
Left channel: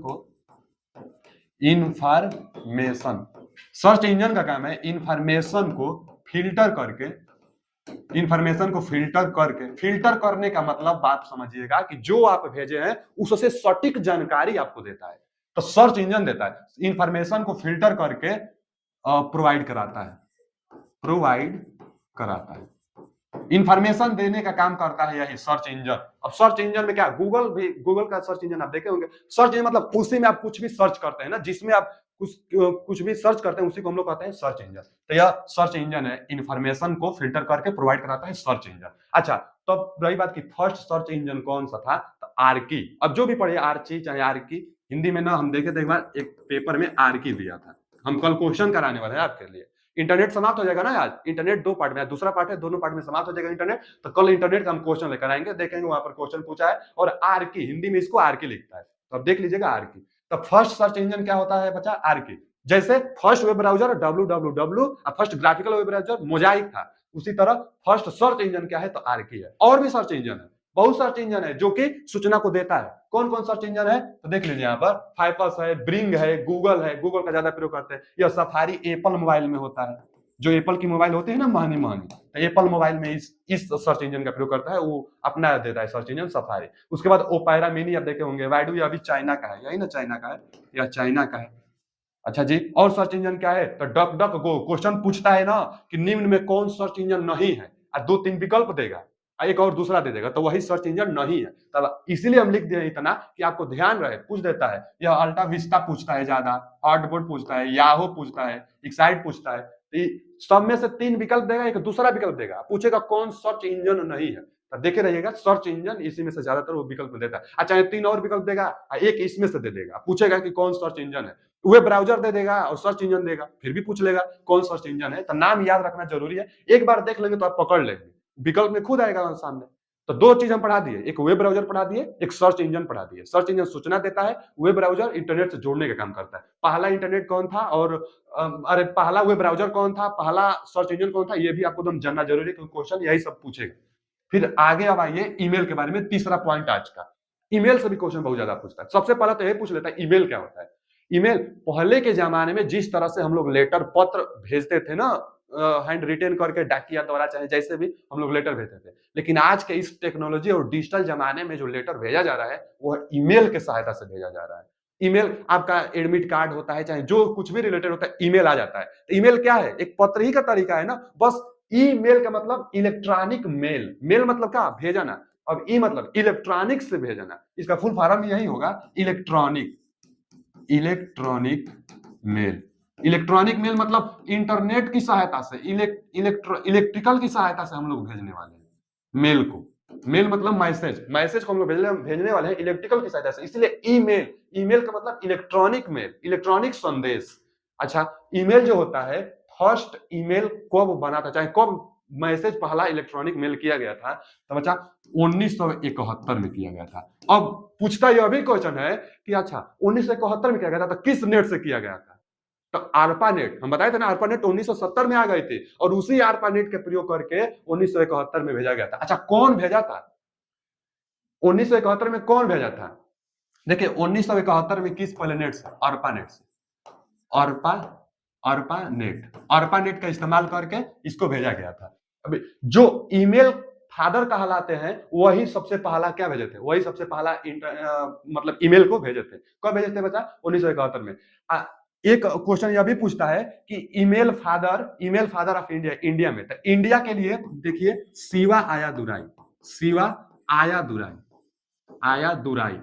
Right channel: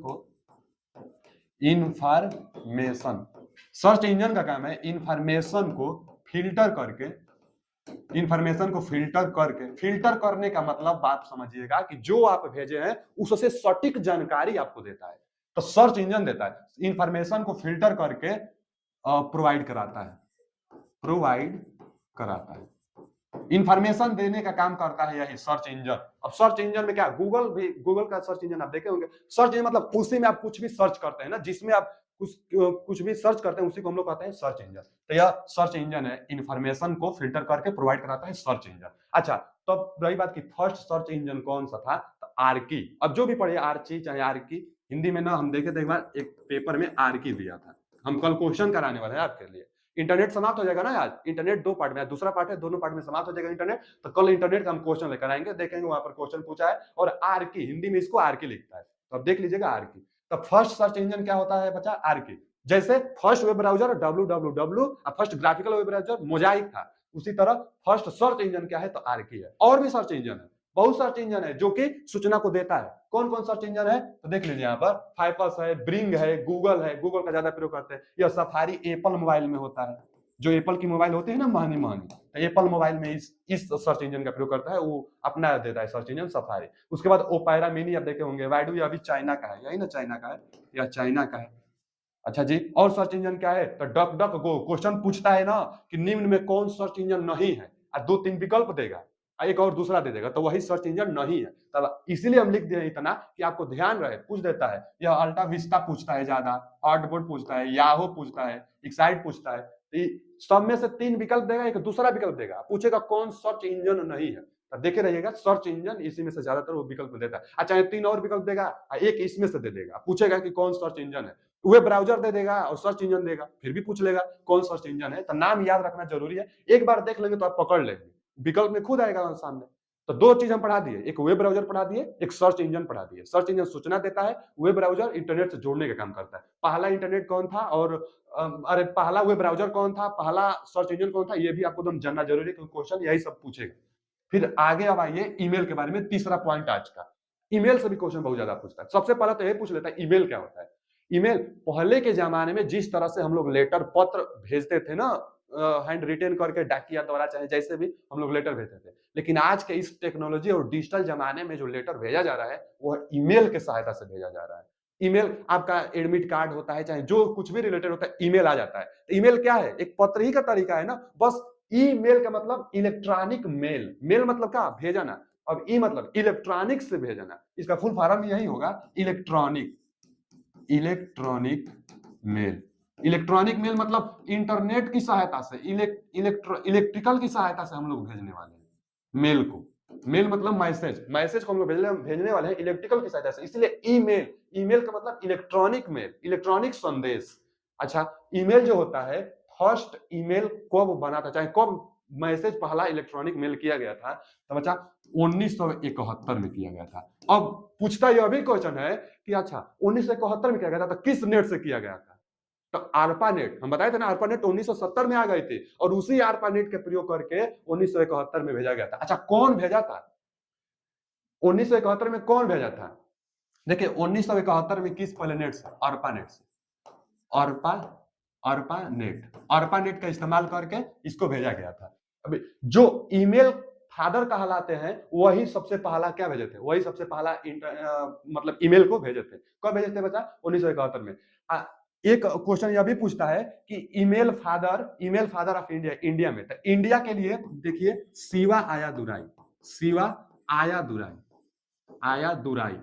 सर्च इंजन का काम है इंफॉर्मेशन को फिल्टर करके, इंफॉर्मेशन को फिल्टर करने का मतलब बात समझिएगा कि जो आप भेजे हैं उससे सटीक जानकारी आपको देता है। तो सर्च इंजन देता है, इंफॉर्मेशन को फिल्टर करके प्रोवाइड कराता है। इंफॉर्मेशन देने का काम करता है यही सर्च इंजन। अब सर्च इंजन में क्या, गूगल का सर्च इंजन आप देखे होंगे। सर्च इंजन मतलब उसी में आप कुछ भी सर्च करते हैं ना, जिसमें आप कुछ भी सर्च करते हैं उसी को हम लोग कहते हैं सर्च इंजन। तो यह सर्च इंजन है, इंफॉर्मेशन को फिल्टर करके प्रोवाइड कराता है सर्च इंजन। अच्छा, तो रही बात की फर्स्ट सर्च इंजन कौन सा था? तो आर्की। अब जो भी पढ़े, आर्ची चाहे आर्की, हिंदी में ना हम देखे थे एक बार एक पेपर में आर्की दिया था। हम कल क्वेश्चन कराने वाले हैं आपके लिए। इंटरनेट समाप्त हो जाएगा ना आज, इंटरनेट 2 पार्ट में, दूसरा पार्ट है, दोनों पार्ट में समाप्त हो जाएगा इंटरनेट। तो कल इंटरनेट का हम क्वेश्चन लेकर आएंगे, देखेंगे वहां पर क्वेश्चन पूछा है। और आर्की, हिंदी में इसको आर्की लिखता है, तो अब देख लीजिएगा आर्की। तो फर्स्ट सर्च इंजन क्या होता है बच्चा? आर्की। जैसे first web browser www, first graphical web browser Mosaic था, उसी तरह फर्स्ट सर्च इंजन क्या है? तो आर्की है। और भी सर्च इंजन है, बहुत सर्च इंजन है जो कि सूचना को देता है। कौन कौन सर्च इंजन है तो देख लीजिए यहाँ पर, फाइपस है, ब्रिंग है, गूगल है, गूगल का ज्यादा प्रयोग करते हैं। यह सफारी एप्पल मोबाइल में होता है, जो एप्पल की मोबाइल होती है ना महंगी महंगी, तो एप्पल मोबाइल में इस सर्च इंजन का प्रयोग करता है, वो अपना देता है सर्च इंजन सफारी। उसके बाद ओपेरा मिनी आप देखे होंगे, वाइडू ये अभी चाइना का है, यही ना चाइना का है, या चाइना का है। अच्छा जी, और सर्च इंजन क्या है? तो डक डक गो। क्वेश्चन पूछता है ना कि निम्न में कौन सर्च इंजन नहीं है, और 2-3 विकल्प देगा, एक और दूसरा दे देगा, तो वही सर्च इंजन नहीं है। तब इसीलिए हम लिख दिए इतना कि आपको ध्यान रहे, पूछ देता है। यह अल्टा विस्टा पूछता है ज्यादा, हार्डबोर्ड पूछता है, याहू पूछता है, एक्साइट पूछता है। सब में से 3 विकल्प देगा, एक दूसरा विकल्प देगा, पूछेगा कौन सर्च इंजन नहीं है। तो देखे रहिएगा, सर्च इंजन इसी में से ज्यादातर वो विकल्प देता है। अच्छा, 3 और विकल्प देगा, एक इसमें से दे देगा, पूछेगा कि कौन सर्च इंजन है। वेब ब्राउजर दे देगा और सर्च इंजन देगा, फिर भी पूछ लेगा कौन सर्च इंजन है। तो नाम याद रखना जरूरी है, एक बार देख लेंगे तो आप पकड़ लेंगे, विकल्प में खुद आएगा सामने। तो 2 चीज हम पढ़ा दिए, एक वेब ब्राउजर पढ़ा दिए, एक सर्च इंजन पढ़ा दिए। सर्च इंजन सूचना देता है, वेब ब्राउजर इंटरनेट से जोड़ने का काम करता है। पहला इंटरनेट कौन था और अरे पहला वेब ब्राउजर कौन था, पहला सर्च इंजन कौन था, ये भी आपको एकदम जानना जरूरी है, क्योंकि क्वेश्चन यही सब पूछेगा। फिर आगे अब आइए ईमेल के बारे में, तीसरा पॉइंट आज का। ईमेल से भी क्वेश्चन बहुत ज्यादा पूछता है। सबसे पहले तो ये पूछ लेता है ईमेल क्या होता है। ईमेल, पहले के जमाने में जिस तरह से हम लोग लेटर पत्र भेजते थे ना, हैंड रिटेन करके डाकिया द्वारा चाहे जैसे भी हम लोग लेटर भेजते थे, लेकिन आज के इस टेक्नोलॉजी और डिजिटल जमाने में जो लेटर भेजा जा रहा है वो ईमेल के सहायता से भेजा जा रहा है। ईमेल, आपका एडमिट कार्ड होता है, चाहे जो कुछ भी रिलेटेड होता है, ईमेल आ जाता है। तो ईमेल क्या है? एक पत्र ही का तरीका है ना, बस। ईमेल का मतलब इलेक्ट्रॉनिक मेल, मेल मतलब क्या? भेजना। अब ई मतलब इलेक्ट्रॉनिक से भेजना, इसका फुल फॉर्म यही होगा, electronic electronic mail. Electronic mail मतलब इंटरनेट की सहायता से, इलेक्ट्रिकल की सहायता से हम लोग भेजने वाले हैं मेल को। मेल मतलब मैसेज, मैसेज को हम लोग भेजने वाले हैं इलेक्ट्रिकल की सहायता से, इसलिए ईमेल। ईमेल का मतलब इलेक्ट्रॉनिक मेल, इलेक्ट्रॉनिक संदेश। अच्छा, ईमेल जो होता है, फर्स्ट ईमेल कब बना था, चाहे कब मैसेज पहला इलेक्ट्रॉनिक मेल किया गया था, तो बच्चा 1971 में किया गया था। अब पूछता यह भी क्वेश्चन है कि अच्छा 1971 में किया गया था तो किस नेट से किया गया था? तो आरपानेट, हम बताए थे ना, आरपानेट 1970 में आ गए थे, और उसी आरपानेट के प्रयोग करके 1971 में भेजा गया था। अच्छा, कौन भेजा था 1971 में? कौन भेजा था? देखिए 1971 में किस पहले नेट से? आरपानेट से। अर्पा अर्पानेट, अर्पानेट का इस्तेमाल करके इसको भेजा गया था। अभी जो ईमेल फादर कहलाते हैं वही सबसे पहला क्या भेजे थे? वही सबसे पहला मतलब ईमेल को भेजे थे। कब भेजे थे बच्चा? 1971 में। एक क्वेश्चन यह भी पूछता है कि email father of India, India में, तो इंडिया के लिए देखिए शिवा आया दुराई, शिवा आया दुराई, आया दुराई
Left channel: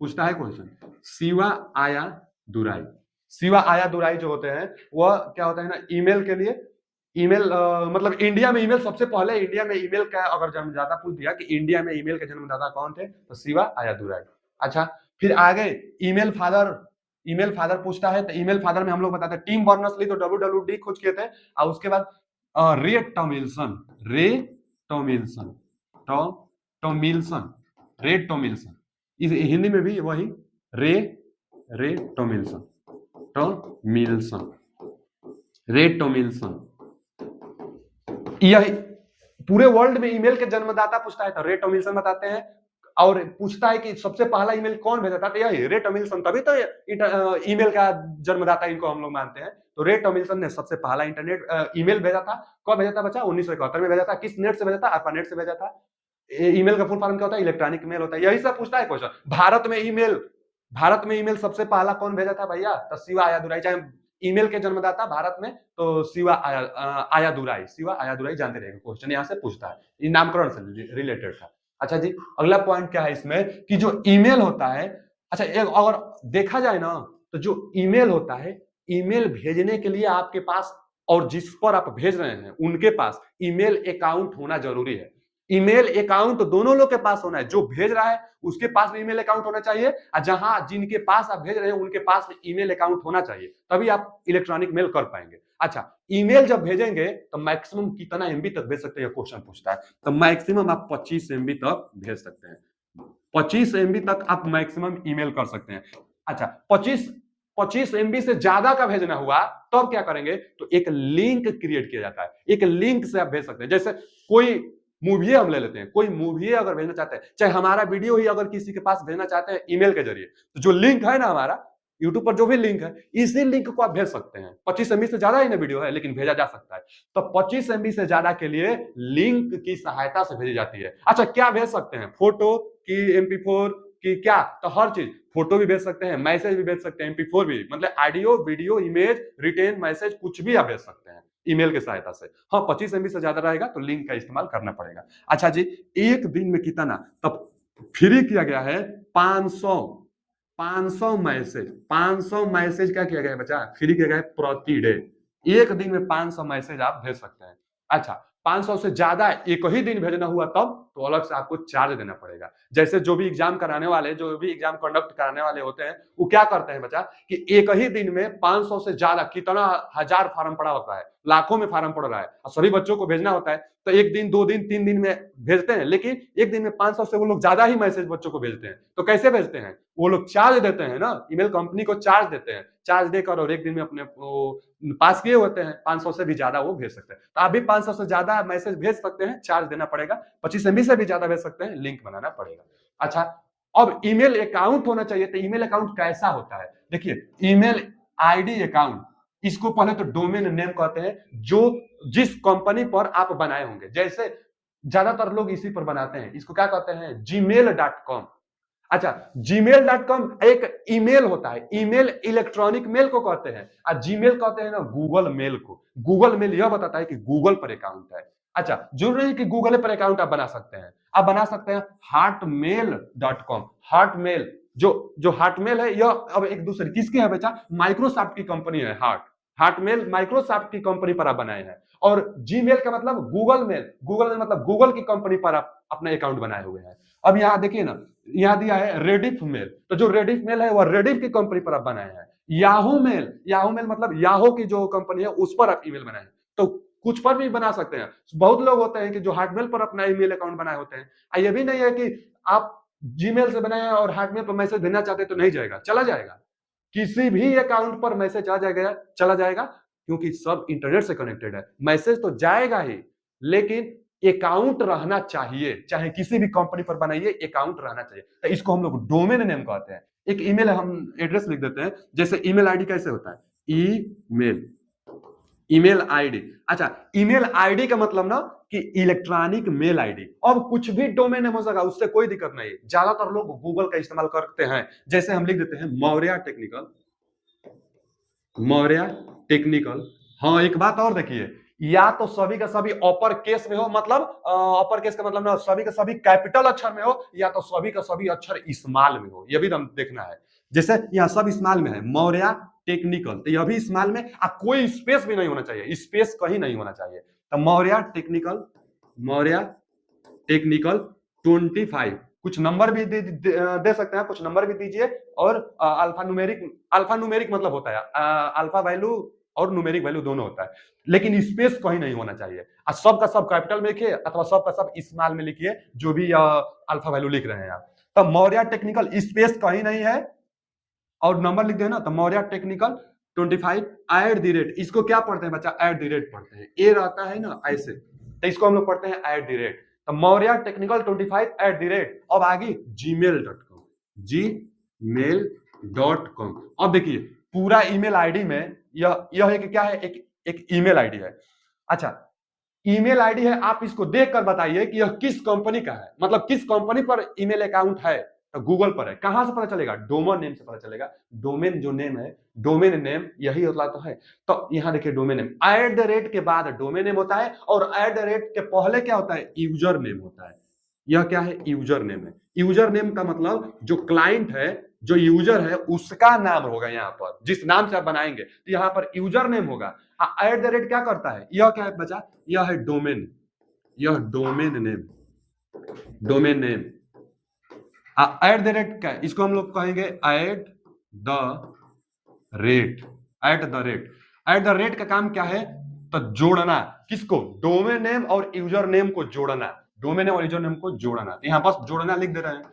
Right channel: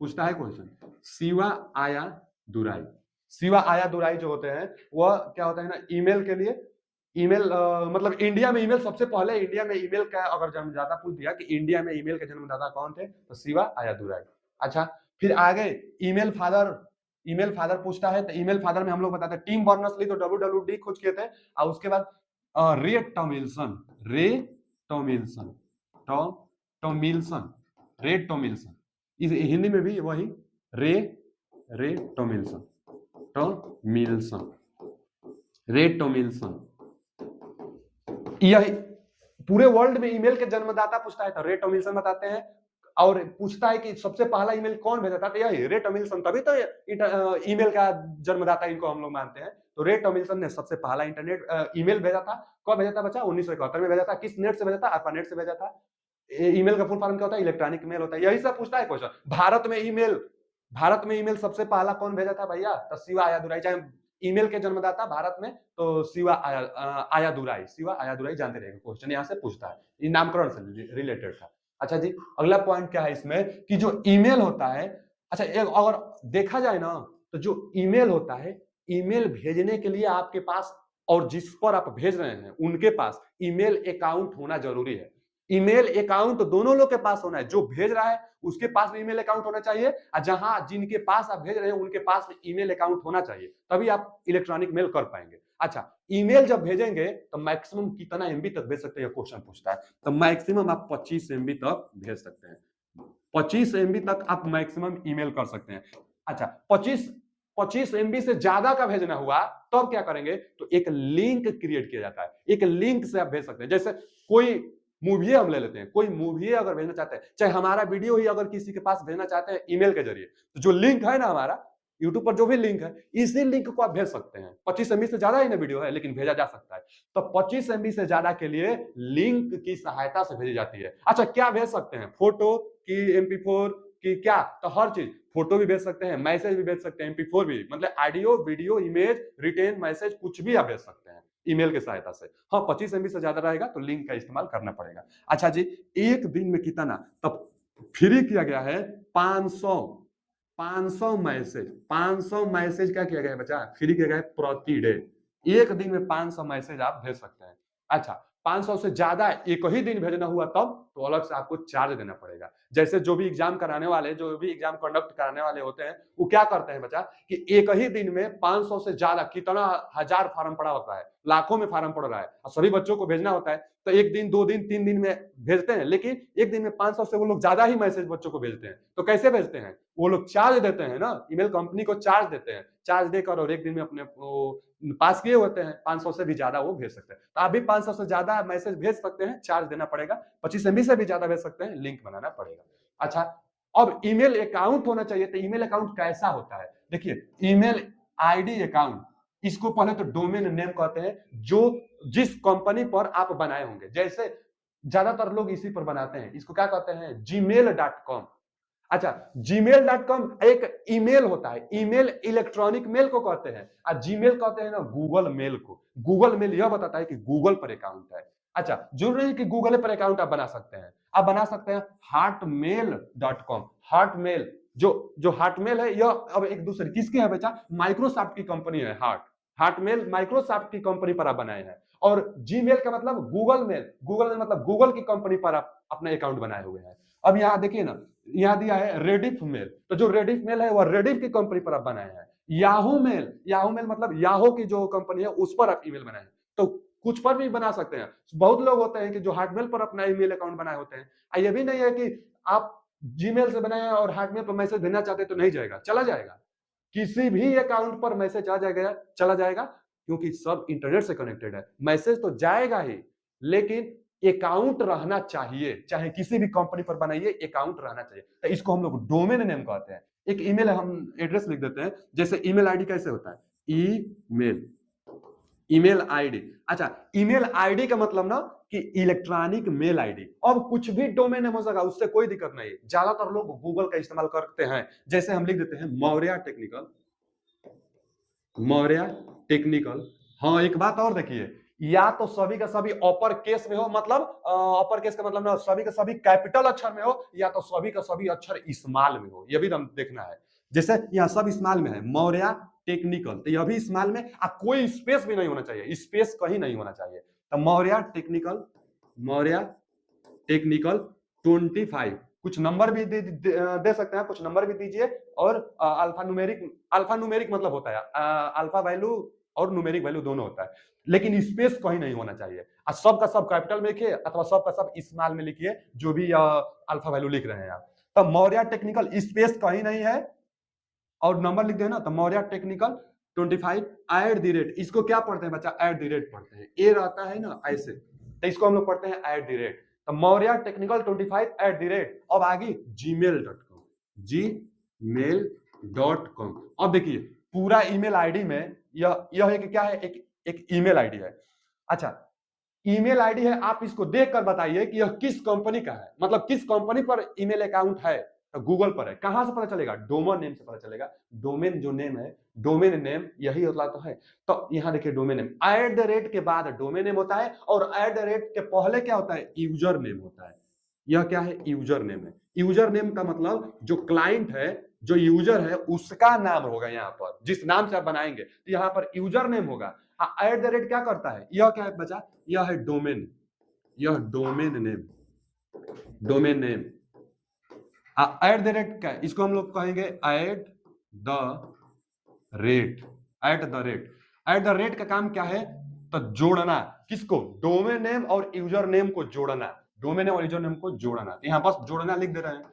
पूछता है क्वेश्चन। शिवा आया दुराई, शिवा आया दुराई जो होते हैं वह क्या होता है ना, ईमेल के लिए, ईमेल मतलब इंडिया में ईमेल सबसे पहले, इंडिया में ईमेल का अगर जन्मदाता पूछ दिया कि इंडिया में ईमेल के जन्मदाता कौन थे, तो शिवा आया दुराई। अच्छा, फिर आगे ईमेल फादर, ईमेल फादर पूछता है, तो ईमेल फादर में हम लोग बताते हैं टिम बर्नर्स ली तो WWD खोज किए थे, और उसके बाद रे टॉमिल्सन, रे टॉमिल्सन, टॉमिल्सन, रे टॉमिल्सन, इस हिंदी में भी वही रे, रे टॉमिल्सन, टॉमिल्सन, रे टॉमिल्सन। यह पूरे वर्ल्ड में ईमेल के जन्मदाता पूछता है तो रे टॉमिल्सन बताते हैं, और पूछता है कि सबसे पहला ईमेल कौन भेजा था, तो यही रे टॉमिल्सन, तभी तो ईमेल का जन्मदाता इनको हम लोग मानते हैं। तो रे टॉमिल्सन ने सबसे पहला इंटरनेट ईमेल भेजा था। कब भेजा था बच्चा? 1971 में भेजा था। किस नेट से भेजा था? ARPANET से भेजा था। ईमेल का फुल फॉर्म क्या होता है? इलेक्ट्रॉनिक मेल होता है। यही सब पूछता है क्वेश्चन। भारत में ईमेल सबसे पहला कौन भेजा था भैया? तो शिवा आयादुराई। चाहे ईमेल के जन्मदाता भारत में तो शिवा आयादुराई, शिवा आयादुराई जानते रहेंगे, क्वेश्चन यहाँ से पूछता है, ये नामकरण से रिलेटेड था। अच्छा जी, अगला पॉइंट क्या है इसमें कि जो ईमेल होता है, अच्छा एक अगर देखा जाए ना तो जो ईमेल होता है, ईमेल भेजने के लिए आपके पास और जिस पर आप भेज रहे हैं उनके पास ईमेल अकाउंट होना जरूरी है। ईमेल अकाउंट दोनों लोग के पास होना है, जो भेज रहा है उसके पास भी ईमेल अकाउंट होना चाहिए, और जहां जिनके पास आप भेज रहे हैं उनके पास भी ईमेल अकाउंट होना चाहिए, तभी आप इलेक्ट्रॉनिक मेल कर पाएंगे। अच्छा, ईमेल जब भेजेंगे तो मैक्सिमम कितना एमबी तक भेज सकते हैं, क्वेश्चन पूछता है। तो मैक्सिमम आप 25 एमबी तक भेज सकते हैं, 25 एमबी तक आप मैक्सिमम ईमेल कर सकते हैं। अच्छा, 25 एमबी से ज्यादा का भेजना हुआ तब क्या करेंगे, तो एक लिंक क्रिएट किया जाता है, एक लिंक से आप भेज सकते हैं। जैसे कोई मूवी हम ले लेते हैं, कोई मूवी अगर भेजना चाहते हैं, चाहे हमारा वीडियो ही अगर किसी के पास भेजना चाहते हैं ईमेल के जरिए, तो जो लिंक है ना हमारा यूट्यूब पर जो भी लिंक है, इसी लिंक को आप भेज सकते हैं। 25 एमबी से ज्यादा ही ना वीडियो है, लेकिन भेजा जा सकता है। तो 25 एमबी से ज्यादा के लिए लिंक की सहायता से भेजी जाती है। अच्छा, क्या भेज सकते हैं? फोटो की MP4 की, क्या तो हर चीज, फोटो भी भेज सकते हैं, मैसेज भी भेज सकते हैं, MP4 भी, मतलब audio video image written message कुछ भी आप भेज सकते हैं ईमेल की सहायता से। हाँ, 25 एमबी से ज्यादा रहेगा तो लिंक का इस्तेमाल करना पड़ेगा। अच्छा जी, एक दिन में कितना, तब फ्री किया गया है 500, 500 मैसेज, 500 मैसेज क्या किया गया है बच्चा? फ्री किया गया है प्रति डे। एक दिन में 500 मैसेज आप भेज सकते हैं। अच्छा, 500 से ज्यादा एक ही दिन भेजना हुआ तब तो अलग से आपको चार्ज देना पड़ेगा। जैसे जो भी एग्जाम कराने वाले, जो भी एग्जाम कंडक्ट कराने वाले होते हैं, वो क्या करते हैं बच्चा कि एक ही दिन में 500 से ज्यादा, कितना हजार फार्म पड़ा होता है, लाखों में फार्म पड़ रहा है, और सभी बच्चों को भेजना होता है, तो एक दिन, 2 दिन, 3 दिन में भेजते हैं, लेकिन एक दिन में 500 से वो लोग ज्यादा ही मैसेज बच्चों को भेजते हैं। तो कैसे भेजते हैं? वो लोग चार्ज देते हैं ना, ईमेल कंपनी को चार्ज देते हैं, चार्ज देकर, और एक दिन में अपने पास किए होते हैं, 500 से भी ज्यादा वो भेज सकते हैं। तो आप भी 500 से ज्यादा मैसेज भेज सकते हैं, चार्ज देना पड़ेगा। 25 एमबी से भी ज्यादा भेज सकते हैं, लिंक बनाना पड़ेगा। अच्छा, अब ईमेल अकाउंट होना चाहिए, तो ईमेल अकाउंट कैसा होता है? देखिए, ईमेल आईडी अकाउंट, इसको पहले तो डोमेन नेम कहते हैं, जो जिस कंपनी पर आप बनाए होंगे। जैसे ज्यादातर लोग इसी पर बनाते हैं, इसको क्या कहते हैं? gmail.com। अच्छा, gmail.com एक ईमेल होता है, ईमेल इलेक्ट्रॉनिक मेल को कहते हैं, और जीमेल कहते हैं ना गूगल मेल को। गूगल मेल यह बताता है कि गूगल पर अकाउंट है। अच्छा, जरूरी है कि गूगल पर अकाउंट आप बना सकते हैं, आप बना सकते हैं hotmail.com। हॉटमेल, जो हॉटमेल है, यह अब एक दूसरे किसकी है बेटा? माइक्रोसॉफ्ट की कंपनी है। हॉटमेल माइक्रोसॉफ्ट की कंपनी पर आप बनाए हैं, और जीमेल का मतलब गूगल मेल, गूगल मेल मतलब गूगल की कंपनी पर आप अपना अकाउंट बनाए हुए हैं। अब यहाँ देखिए ना, यहाँ दिया है रेडिफ मेल, तो जो रेडिफ मेल है वह रेडिफ की कंपनी पर आप बनाए हैं। याहू मेल, याहू मेल मतलब याहू की जो कंपनी है उस पर आप ईमेल बनाए हैं। तो कुछ पर भी बना सकते हैं। बहुत लोग होते हैं कि जो हॉटमेल पर अपना ईमेल अकाउंट बनाए होते हैं। ये भी नहीं है कि आप जीमेल से बनाए और हॉटमेल पर मैसेज भेजना चाहते तो नहीं जाएगा, चला जाएगा। किसी भी अकाउंट पर मैसेज आ जाएगा, चला जाएगा, क्योंकि सब इंटरनेट से कनेक्टेड है। मैसेज तो जाएगा ही, लेकिन अकाउंट रहना चाहिए, चाहे किसी भी कंपनी पर बनाइए, अकाउंट रहना चाहिए। तो इसको हम लोग डोमेन नेम कहते हैं। एक ईमेल हम एड्रेस लिख देते हैं, जैसे ईमेल आईडी कैसे होता है? Email, email ID. अच्छा, ईमेल आईडी का मतलब ना कि इलेक्ट्रॉनिक मेल आईडी। अब कुछ भी डोमेन नेम हो सका, उससे कोई दिक्कत नहीं। ज्यादातर लोग गूगल का इस्तेमाल करते हैं, जैसे हम लिख देते हैं मौर्य टेक्निकल, मौर्य टेक्निकल। हाँ, एक बात और देखिए, या तो सभी का सभी अपर केस में हो, मतलब अपर केस का मतलब ना सभी का सभी कैपिटल अक्षर में हो, या तो सभी का सभी अक्षर स्मॉल में हो, ये भी हम देखना है। जैसे यहाँ सब स्मॉल में है, मौर्य टेक्निकल, तो यह भी स्मॉल में, कोई स्पेस भी नहीं होना चाहिए, स्पेस कहीं नहीं होना चाहिए। तो मौर्य टेक्निकल, मौर्य टेक्निकल 25। कुछ नंबर भी दे सकते हैं, कुछ नंबर भी दीजिए। और अल्फा न्यूमेरिक, अल्फा न्यूमेरिक मतलब होता है अल्फा वैल्यू और न्यूमेरिक वैल्यू दोनों होता है, लेकिन स्पेस कहीं नहीं होना चाहिए। सब का सब कैपिटल में लिखिए अथवा सब का सब स्मॉल में लिखिए, जो भी अल्फा वैल्यू लिख रहे हैं आप। तब मौर्य टेक्निकल स्पेस कहीं नहीं है और नंबर लिख देना, तो Maurya technical 25 at the rate. इसको क्या पढ़ते हैं बच्चा? एट द रेट पढ़ते हैं, ए रहता है ना ऐसे, तो इसको हम लोग पढ़ते हैं एट द रेट। तो Maurya technical 25 at the rate. अब आगे gmail.com, gmail.com। अब देखिए पूरा ईमेल आईडी में यह एक क्या है, एक ईमेल आईडी है। अच्छा, ईमेल आईडी है, आप इसको देखकर बताइए कि यह किस कंपनी का है, मतलब किस कंपनी पर ईमेल अकाउंट है। तो गूगल पर है, कहां से पता चलेगा? डोमेन नेम से पता चलेगा। डोमेन जो नेम है, डोमेन नेम यही होता तो है। तो यहां देखिए domain name, eight the rate के बाद डोमेन नेम होता है, और एट द रेट के पहले क्या होता है? यूजर नेम होता है। यह क्या है? यूजर नेम है। यूजर नेम का मतलब जो क्लाइंट है, जो यूजर है, उसका नाम होगा यहाँ पर, जिस नाम से आप बनाएंगे, तो यहाँ पर यूजर नेम होगा। एट द रेट क्या करता है? यह क्या है बचा? यह है डोमेन, यह domain name, domain name. Eight the rate क्या है? इसको हम लोग कहेंगे eight the rate, eight the rate. Eight the rate का काम क्या है? तो जोड़ना, किसको? डोमेन नेम और यूजर नेम को जोड़ना, डोमेन नेम और यूजर नेम को जोड़ना। तो यहां बस जोड़ना लिख दे रहे हैं,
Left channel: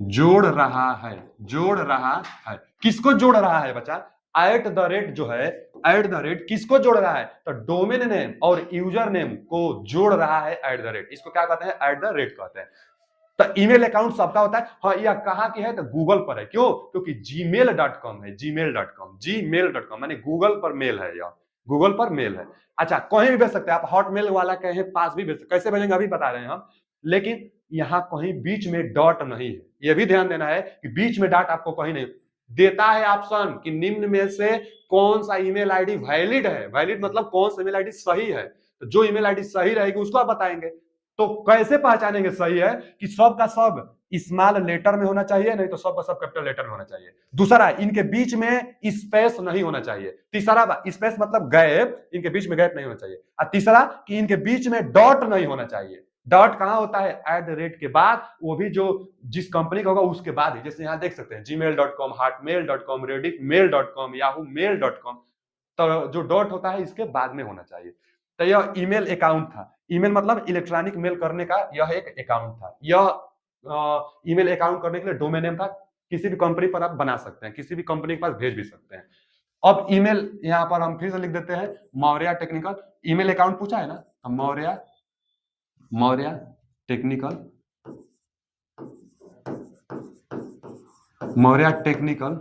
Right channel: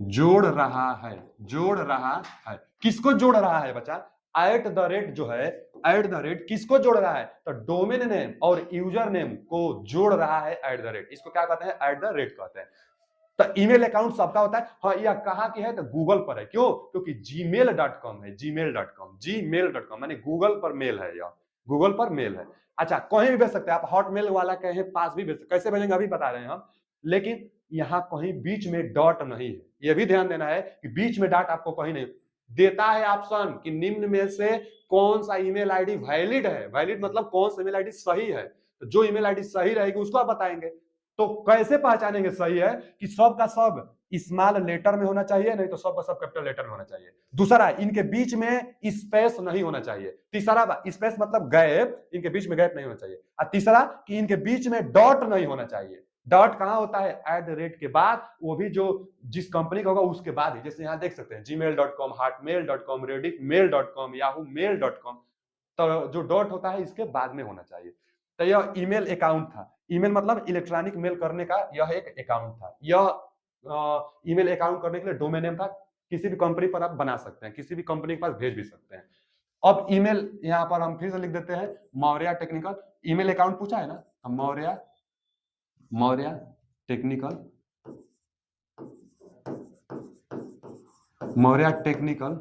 जोड़ रहा है, जोड़ रहा है। किसको जोड़ रहा है बच्चा? एट द रेट जो है, एट द रेट किसको जोड़ रहा है? तो डोमेन नेम और यूजर नेम को जोड़ रहा है एट द रेट, इसको क्या कहते हैं? एट द रेट कहते हैं। तो ईमेल अकाउंट सबका होता है। हाँ, यह कहाँ की है? तो गूगल पर है। क्यों? क्योंकि gmail.com है, gmail.com, gmail.com माने गूगल पर मेल है, यह गूगल पर मेल है। अच्छा, कहीं भी भेज सकते हैं आप, हॉटमेल वाला कहीं पास भी भेज सकते, कैसे भेजेंगे अभी बता रहे हैं हम। लेकिन यहाँ कहीं बीच में डॉट नहीं है, यह भी ध्यान देना है कि बीच में डॉट आपको कहीं नहीं देता है। ऑप्शन कि निम्न में से कौन सा ईमेल आईडी वैलिड है, वैलिड मतलब कौन सा ईमेल आईडी सही है। तो जो ईमेल आईडी सही रहेगी उसको आप बताएंगे। तो कैसे पहचानेंगे सही है? कि सब का सब स्मॉल लेटर में होना चाहिए, नहीं तो सब का सब कैपिटल लेटर में होना चाहिए। दूसरा, इनके बीच में स्पेस नहीं होना चाहिए। तीसरा, स्पेस मतलब गैप, इनके बीच में गैप नहीं होना चाहिए। और तीसरा कि इनके बीच में डॉट नहीं होना चाहिए। डॉट कहां होता है? एट द रेट के बाद, वो भी जो जिस कंपनी का होगा उसके बाद ही। जैसे यहां देख सकते हैं gmail.com, hotmail.com, rediffmail.com, yahoomail.com। तो जो डॉट होता है इसके बाद में होना चाहिए। तो यह ईमेल अकाउंट था। ईमेल मतलब इलेक्ट्रॉनिक मेल करने का यह एक अकाउंट था। यह ईमेल अकाउंट करने के लिए डोमेन नेम था। किसी भी कंपनी पर आप बना सकते हैं, किसी भी कंपनी के पास भेज भी सकते हैं। अब ईमेल यहाँ पर हम फिर से लिख देते हैं, मौर्य टेक्निकल। ईमेल अकाउंट पूछा है ना, तो Maurya, Maurya technical, Maurya technical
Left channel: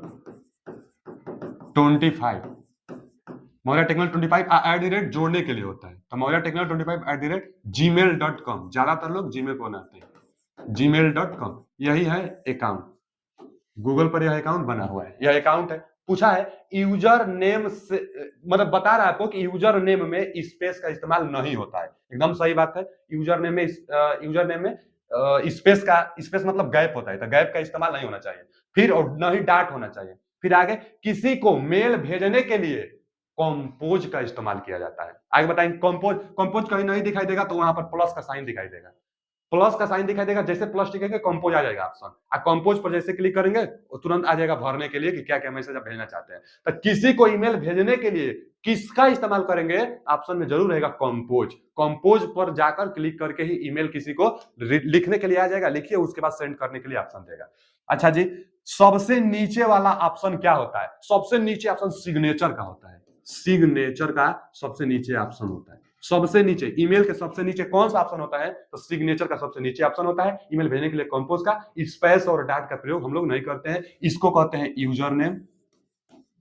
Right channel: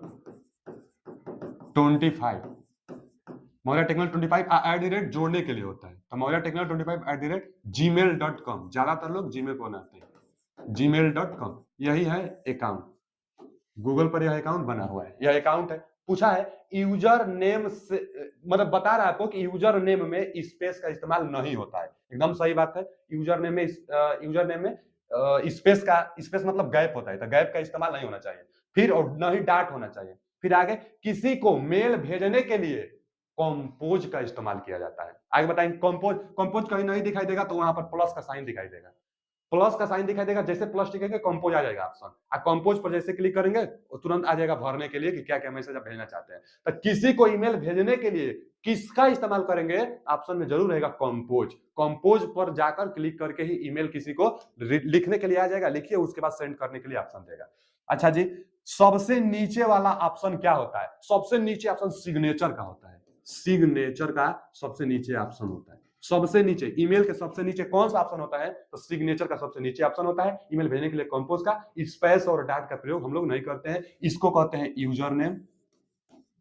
25, Maurya technical 25 at the rate जोड़ने के लिए होता है। तो Maurya technical 25 at the rate gmail.com, ज्यादातर लोग जीमेल को बनाते हैं, gmail.com। यही है अकाउंट, गूगल पर यह अकाउंट बना हुआ है, यह अकाउंट है। पूछा है यूजर नेम से, मतलब बता रहा है आपको कि यूजर नेम में स्पेस का इस्तेमाल नहीं होता है। एकदम सही बात है। यूजर नेम में स्पेस का, स्पेस मतलब गैप होता है, तो गैप का इस्तेमाल नहीं होना चाहिए। फिर और न ही डॉट होना चाहिए। फिर आगे, किसी को मेल भेजने के लिए कंपोज का इस्तेमाल किया जाता है। आगे बताएंगे कंपोज। कंपोज कहीं नहीं दिखाई देगा तो वहां पर प्लस का साइन दिखाई देगा, प्लस का साइन दिखाई देगा। जैसे प्लस टिकेगा कंपोज आ जाएगा ऑप्शन, और कंपोज पर जैसे क्लिक करेंगे तो तुरंत आ जाएगा भरने के लिए कि क्या क्या मैसेज आप भेजना चाहते हैं। तो किसी को ईमेल भेजने के लिए किसका इस्तेमाल करेंगे? ऑप्शन में जरूर रहेगा कंपोज। कंपोज पर जाकर क्लिक करके ही ईमेल किसी को लिखने के लिए आ जाएगा, लिखिए, उसके बाद सेंड करने के लिए ऑप्शन देगा। अच्छा जी, सबसे नीचे वाला ऑप्शन क्या होता है? सबसे नीचे ऑप्शन सिग्नेचर का होता है, सिग्नेचर का सबसे नीचे ऑप्शन होता है। सबसे नीचे, ईमेल के सबसे नीचे कौन सा ऑप्शन होता है? तो सिग्नेचर का सबसे नीचे ऑप्शन होता है। ईमेल भेजने के लिए कंपोज का, स्पेस और डॉट का प्रयोग हम लोग नहीं करते हैं। इसको कहते हैं यूजर नेम।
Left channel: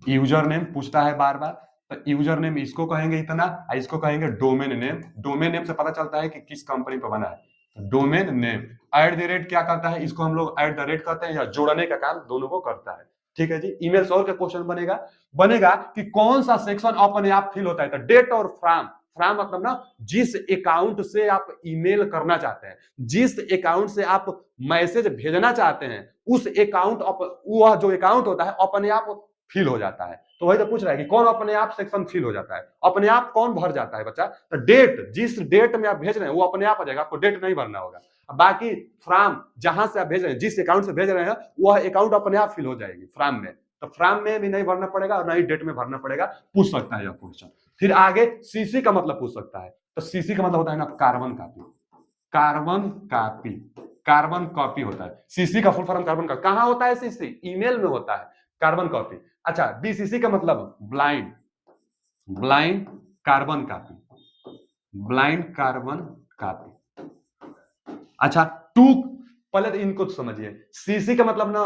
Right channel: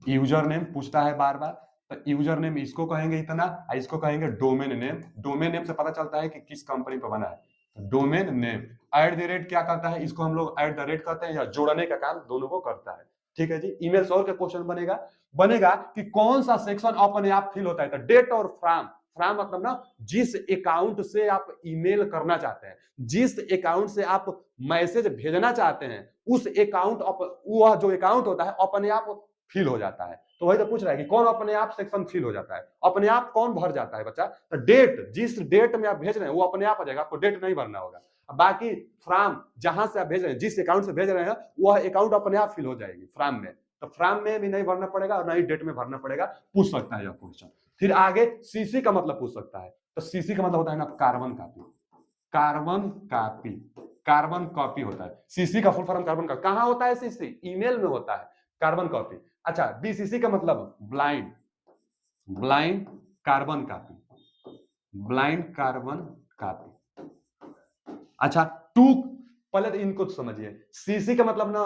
यूजर नेम पूछता है बार बार, तो यूजर नेम इसको कहेंगे इतना, इसको कहेंगे डोमेन नेम। डोमेन नेम से पता चलता है कि किस कंपनी पर बना है। Domain name at the rate क्या करता है? इसको हम लोग एट द रेट कहते हैं, या जोड़ने का काम दोनों को करता है। ठीक है जी। ईमेल और का क्वेश्चन बनेगा, बनेगा कि कौन सा सेक्शन अपने आप फिल होता है। तो डेट और फ्रॉम, फ्रॉम मतलब ना जिस अकाउंट से आप ईमेल करना चाहते हैं, जिस अकाउंट से आप मैसेज भेजना चाहते हैं, उस अकाउंट, वह जो अकाउंट होता है अपने आप फिल हो जाता है। तो वही तो पूछ रहा है कि कौन अपने आप सेक्शन फिल हो जाता है, अपने आप कौन भर जाता है बच्चा। तो डेट, जिस डेट में आप भेज रहे हैं वो अपने आप आ जाएगा, आपको डेट नहीं भरना होगा। बाकी फ्रॉम, जहां से आप भेज रहे हैं, जिस अकाउंट से भेज रहे हैं, वह अकाउंट अपने आप फिल हो जाएगी फ्रॉम में। तो फ्रॉम में भी नहीं भरना पड़ेगा और ना ही डेट में भरना पड़ेगा। पूछ सकता है यह क्वेश्चन। फिर आगे सीसी का मतलब पूछ सकता है। तो सीसी का मतलब होता है ना carbon copy, carbon copy, carbon copy होता है। सीसी का फुल फॉर्म कार्बन कॉपी। कहां होता है सीसी? ईमेल में होता है कार्बन कॉपी। अच्छा, बीसीसी का मतलब blind, blind carbon copy, blind carbon copy. अच्छा, टू, पहले तो इनको तो समझिए। सीसी का मतलब ना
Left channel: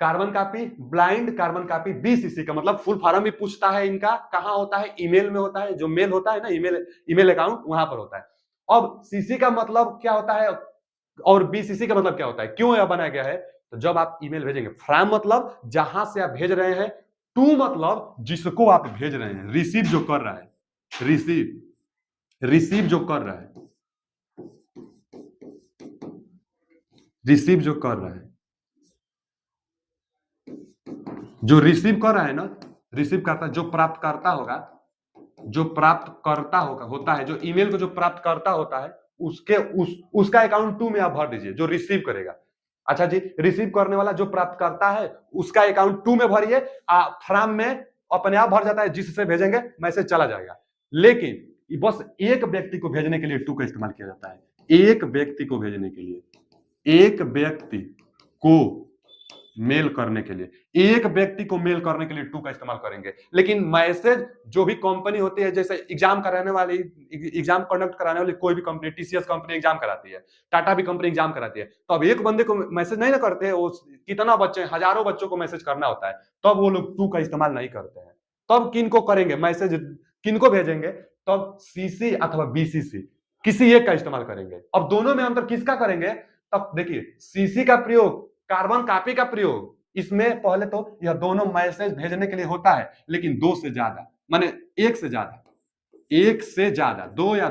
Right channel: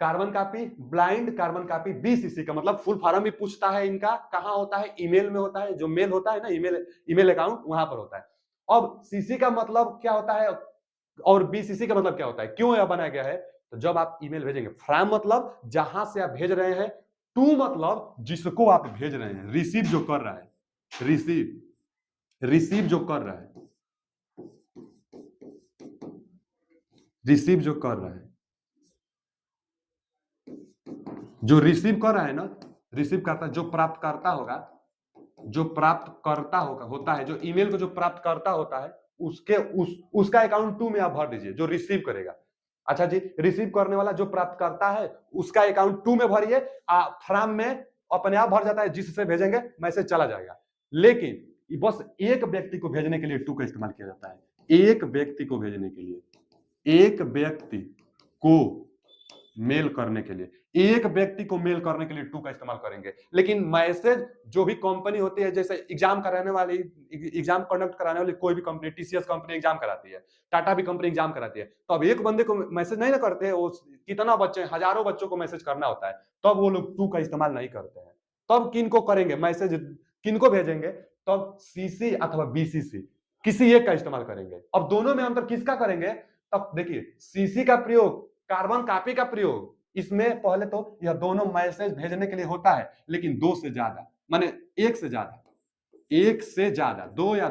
carbon copy, blind carbon copy. BCC का मतलब फुल फॉर्म भी पूछता है इनका, कहां होता है? ईमेल में होता है। जो मेल होता है ना, ईमेल, ईमेल अकाउंट, वहां पर होता है। अब सीसी का मतलब क्या होता है और बीसीसी का मतलब क्या होता है, क्यों यह बनाया गया है? तो जब आप ईमेल भेजेंगे, फ्रॉम मतलब जहां से आप भेज रहे हैं, टू मतलब जिसको आप भेज रहे हैं, रिसीव जो कर रहा है, रिसीव, रिसीव जो कर रहा है, रिसीव जो कर रहा है, जो रिसीव कर रहा है ना, रिसीव करता, जो प्राप्त करता होगा, जो प्राप्त करता होगा, होता है, जो ईमेल को जो प्राप्त करता होता है, उसके उसका अकाउंट टू में आप भर दीजिए, जो रिसीव करेगा। अच्छा जी, रिसीव करने वाला जो प्राप्त करता है उसका अकाउंट टू में भरिए। फ्रॉम में अपने आप भर जाता है, जिससे भेजेंगे मैसेज चला जाएगा। लेकिन बस एक व्यक्ति को भेजने के लिए टू का इस्तेमाल किया जाता है। एक व्यक्ति को भेजने के लिए, एक व्यक्ति को मेल करने के लिए, एक व्यक्ति को मेल करने के लिए टू का इस्तेमाल करेंगे। लेकिन मैसेज जो भी कंपनी होती है, जैसे एग्जाम कराने वाली, एग्जाम कंडक्ट कराने वाली कोई भी कंपनी, टीसीएस कंपनी एग्जाम कराती है, टाटा भी कंपनी एग्जाम कराती है, तो अब एक बंदे को मैसेज नहीं ना करते हैं, वो कितना बच्चे, हजारों बच्चों को मैसेज करना होता है, तब वो लोग टू का इस्तेमाल नहीं करते हैं। तब किनको करेंगे मैसेज, किनको भेजेंगे? तब सीसी अथवा बीसीसी, किसी एक का इस्तेमाल करेंगे। अब दोनों में अंतर किसका करेंगे? तब देखिए, सीसी का प्रयोग, कार्बन कॉपी का प्रयोग, इसमें पहले तो यह दोनों मैसेज भेजने के लिए होता है, लेकिन दो से ज्यादा, माने एक से ज्यादा, एक से ज्यादा, दो या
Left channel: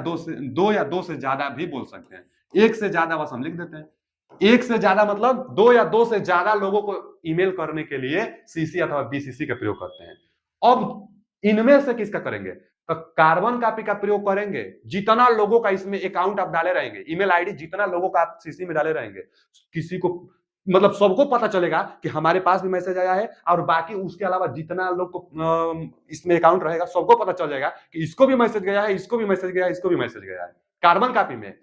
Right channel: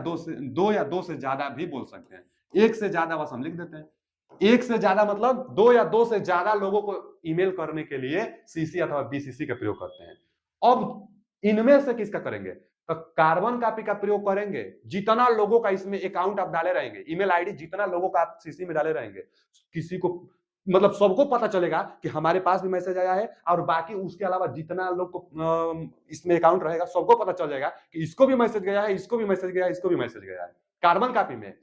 दो से ज्यादा भी बोल सकते हैं। एक से ज्यादा बस हम लिख देते हैं। एक से ज्यादा मतलब दो या दो से ज्यादा लोगों को ईमेल करने के लिए सीसी अथवा बीसीसी का प्रयोग करते हैं। अब इनमें से किसका करेंगे? तो कार्बन कॉपी का प्रयोग करेंगे। जितना लोगों का इसमें अकाउंट आप डाले रहेंगे, ईमेल आईडी जितना लोगों का आप सीसी में डाले रहेंगे, किसी को, मतलब सबको पता चलेगा कि हमारे पास भी मैसेज आया है, और बाकी उसके अलावा जितना लोग को इसमें अकाउंट रहेगा, सबको पता चल जाएगा कि इसको भी मैसेज गया है, इसको भी मैसेज गया है, इसको भी मैसेज गया है। कार्बन कॉपी में,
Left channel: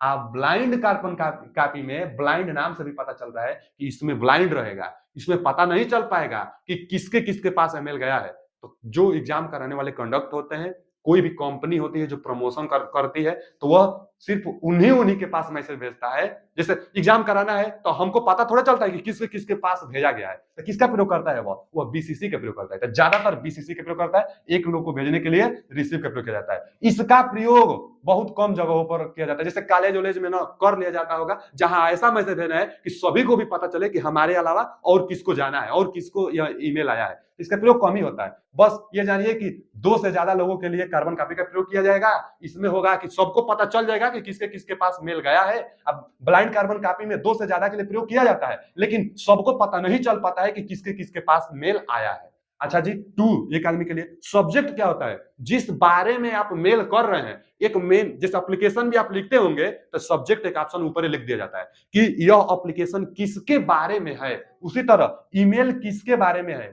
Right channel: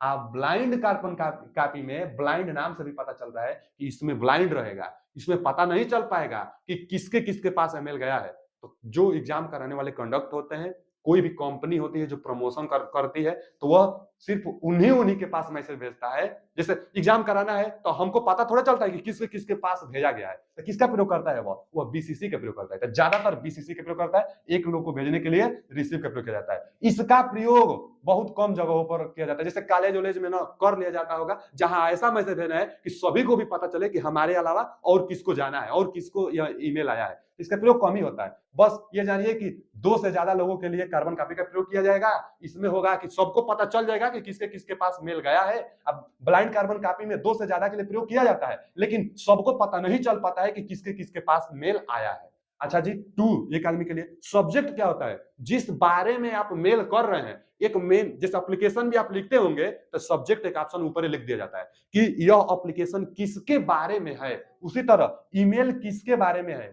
आप ब्लाइंड कार्बन कॉपी में, ब्लाइंड नाम से भी पता चल रहा है कि इसमें ब्लाइंड रहेगा, इसमें पता नहीं चल पाएगा कि किसके किसके पास ईमेल गया है। तो जो एग्जाम कराने वाले कंडक्ट होते हैं, कोई भी कंपनी होती है जो प्रमोशन करती है, तो वह सिर्फ उन्हीं उन्हीं के पास मैसेज भेजता है। जैसे एग्जाम कराना है तो हमको पता थोड़ा चलता है कि किसके किसके पास भेजा गया है, तो किसका प्रयोग करता है? वह बीसीसी का प्रयोग करता है। तो ज्यादातर बीसीसी का प्रयोग करता है। एक लोग को भेजने के लिए रिसीव का प्रयोग किया जाता है। इसका प्रयोग बहुत कम जगहों पर किया जाता है, जैसे कॉलेज वॉलेज में ना कर लिया जाता होगा, जहां ऐसा मैसेज देना है कि सभी को भी पता चले कि हमारे अलावा और किसको जाना है और किसको यह ईमेल आया है। इसका प्रयोग कम ही होता है। बस ये जानिए कि दो से ज्यादा लोगों के लिए कार्बन कॉपी का प्रयोग किया जाएगा। इसमें होगा कि सबको पता चल जाएगा कि किसके किसके पास मेल गया है। अब ब्लाइंड कार्बन कॉपी में दो से ज्यादा के लिए प्रयोग किया जाता है, लेकिन सबको पता नहीं चल पाता है कि किसके किसके पास मेल आया है। अच्छा जी, टू एक आदमी के लिए। सब्जेक्ट क्या होता है? जिस बारे में आप मेल कर रहे हैं, एक मेल, जिस एप्लीकेशन भी आप लिखते होंगे तो सब्जेक्ट एक ऑप्शन ऊपर ही लिख दिया जाता है कि यह एप्लीकेशन किसके बारे में है। उसी तरह ईमेल किसके बारे में है?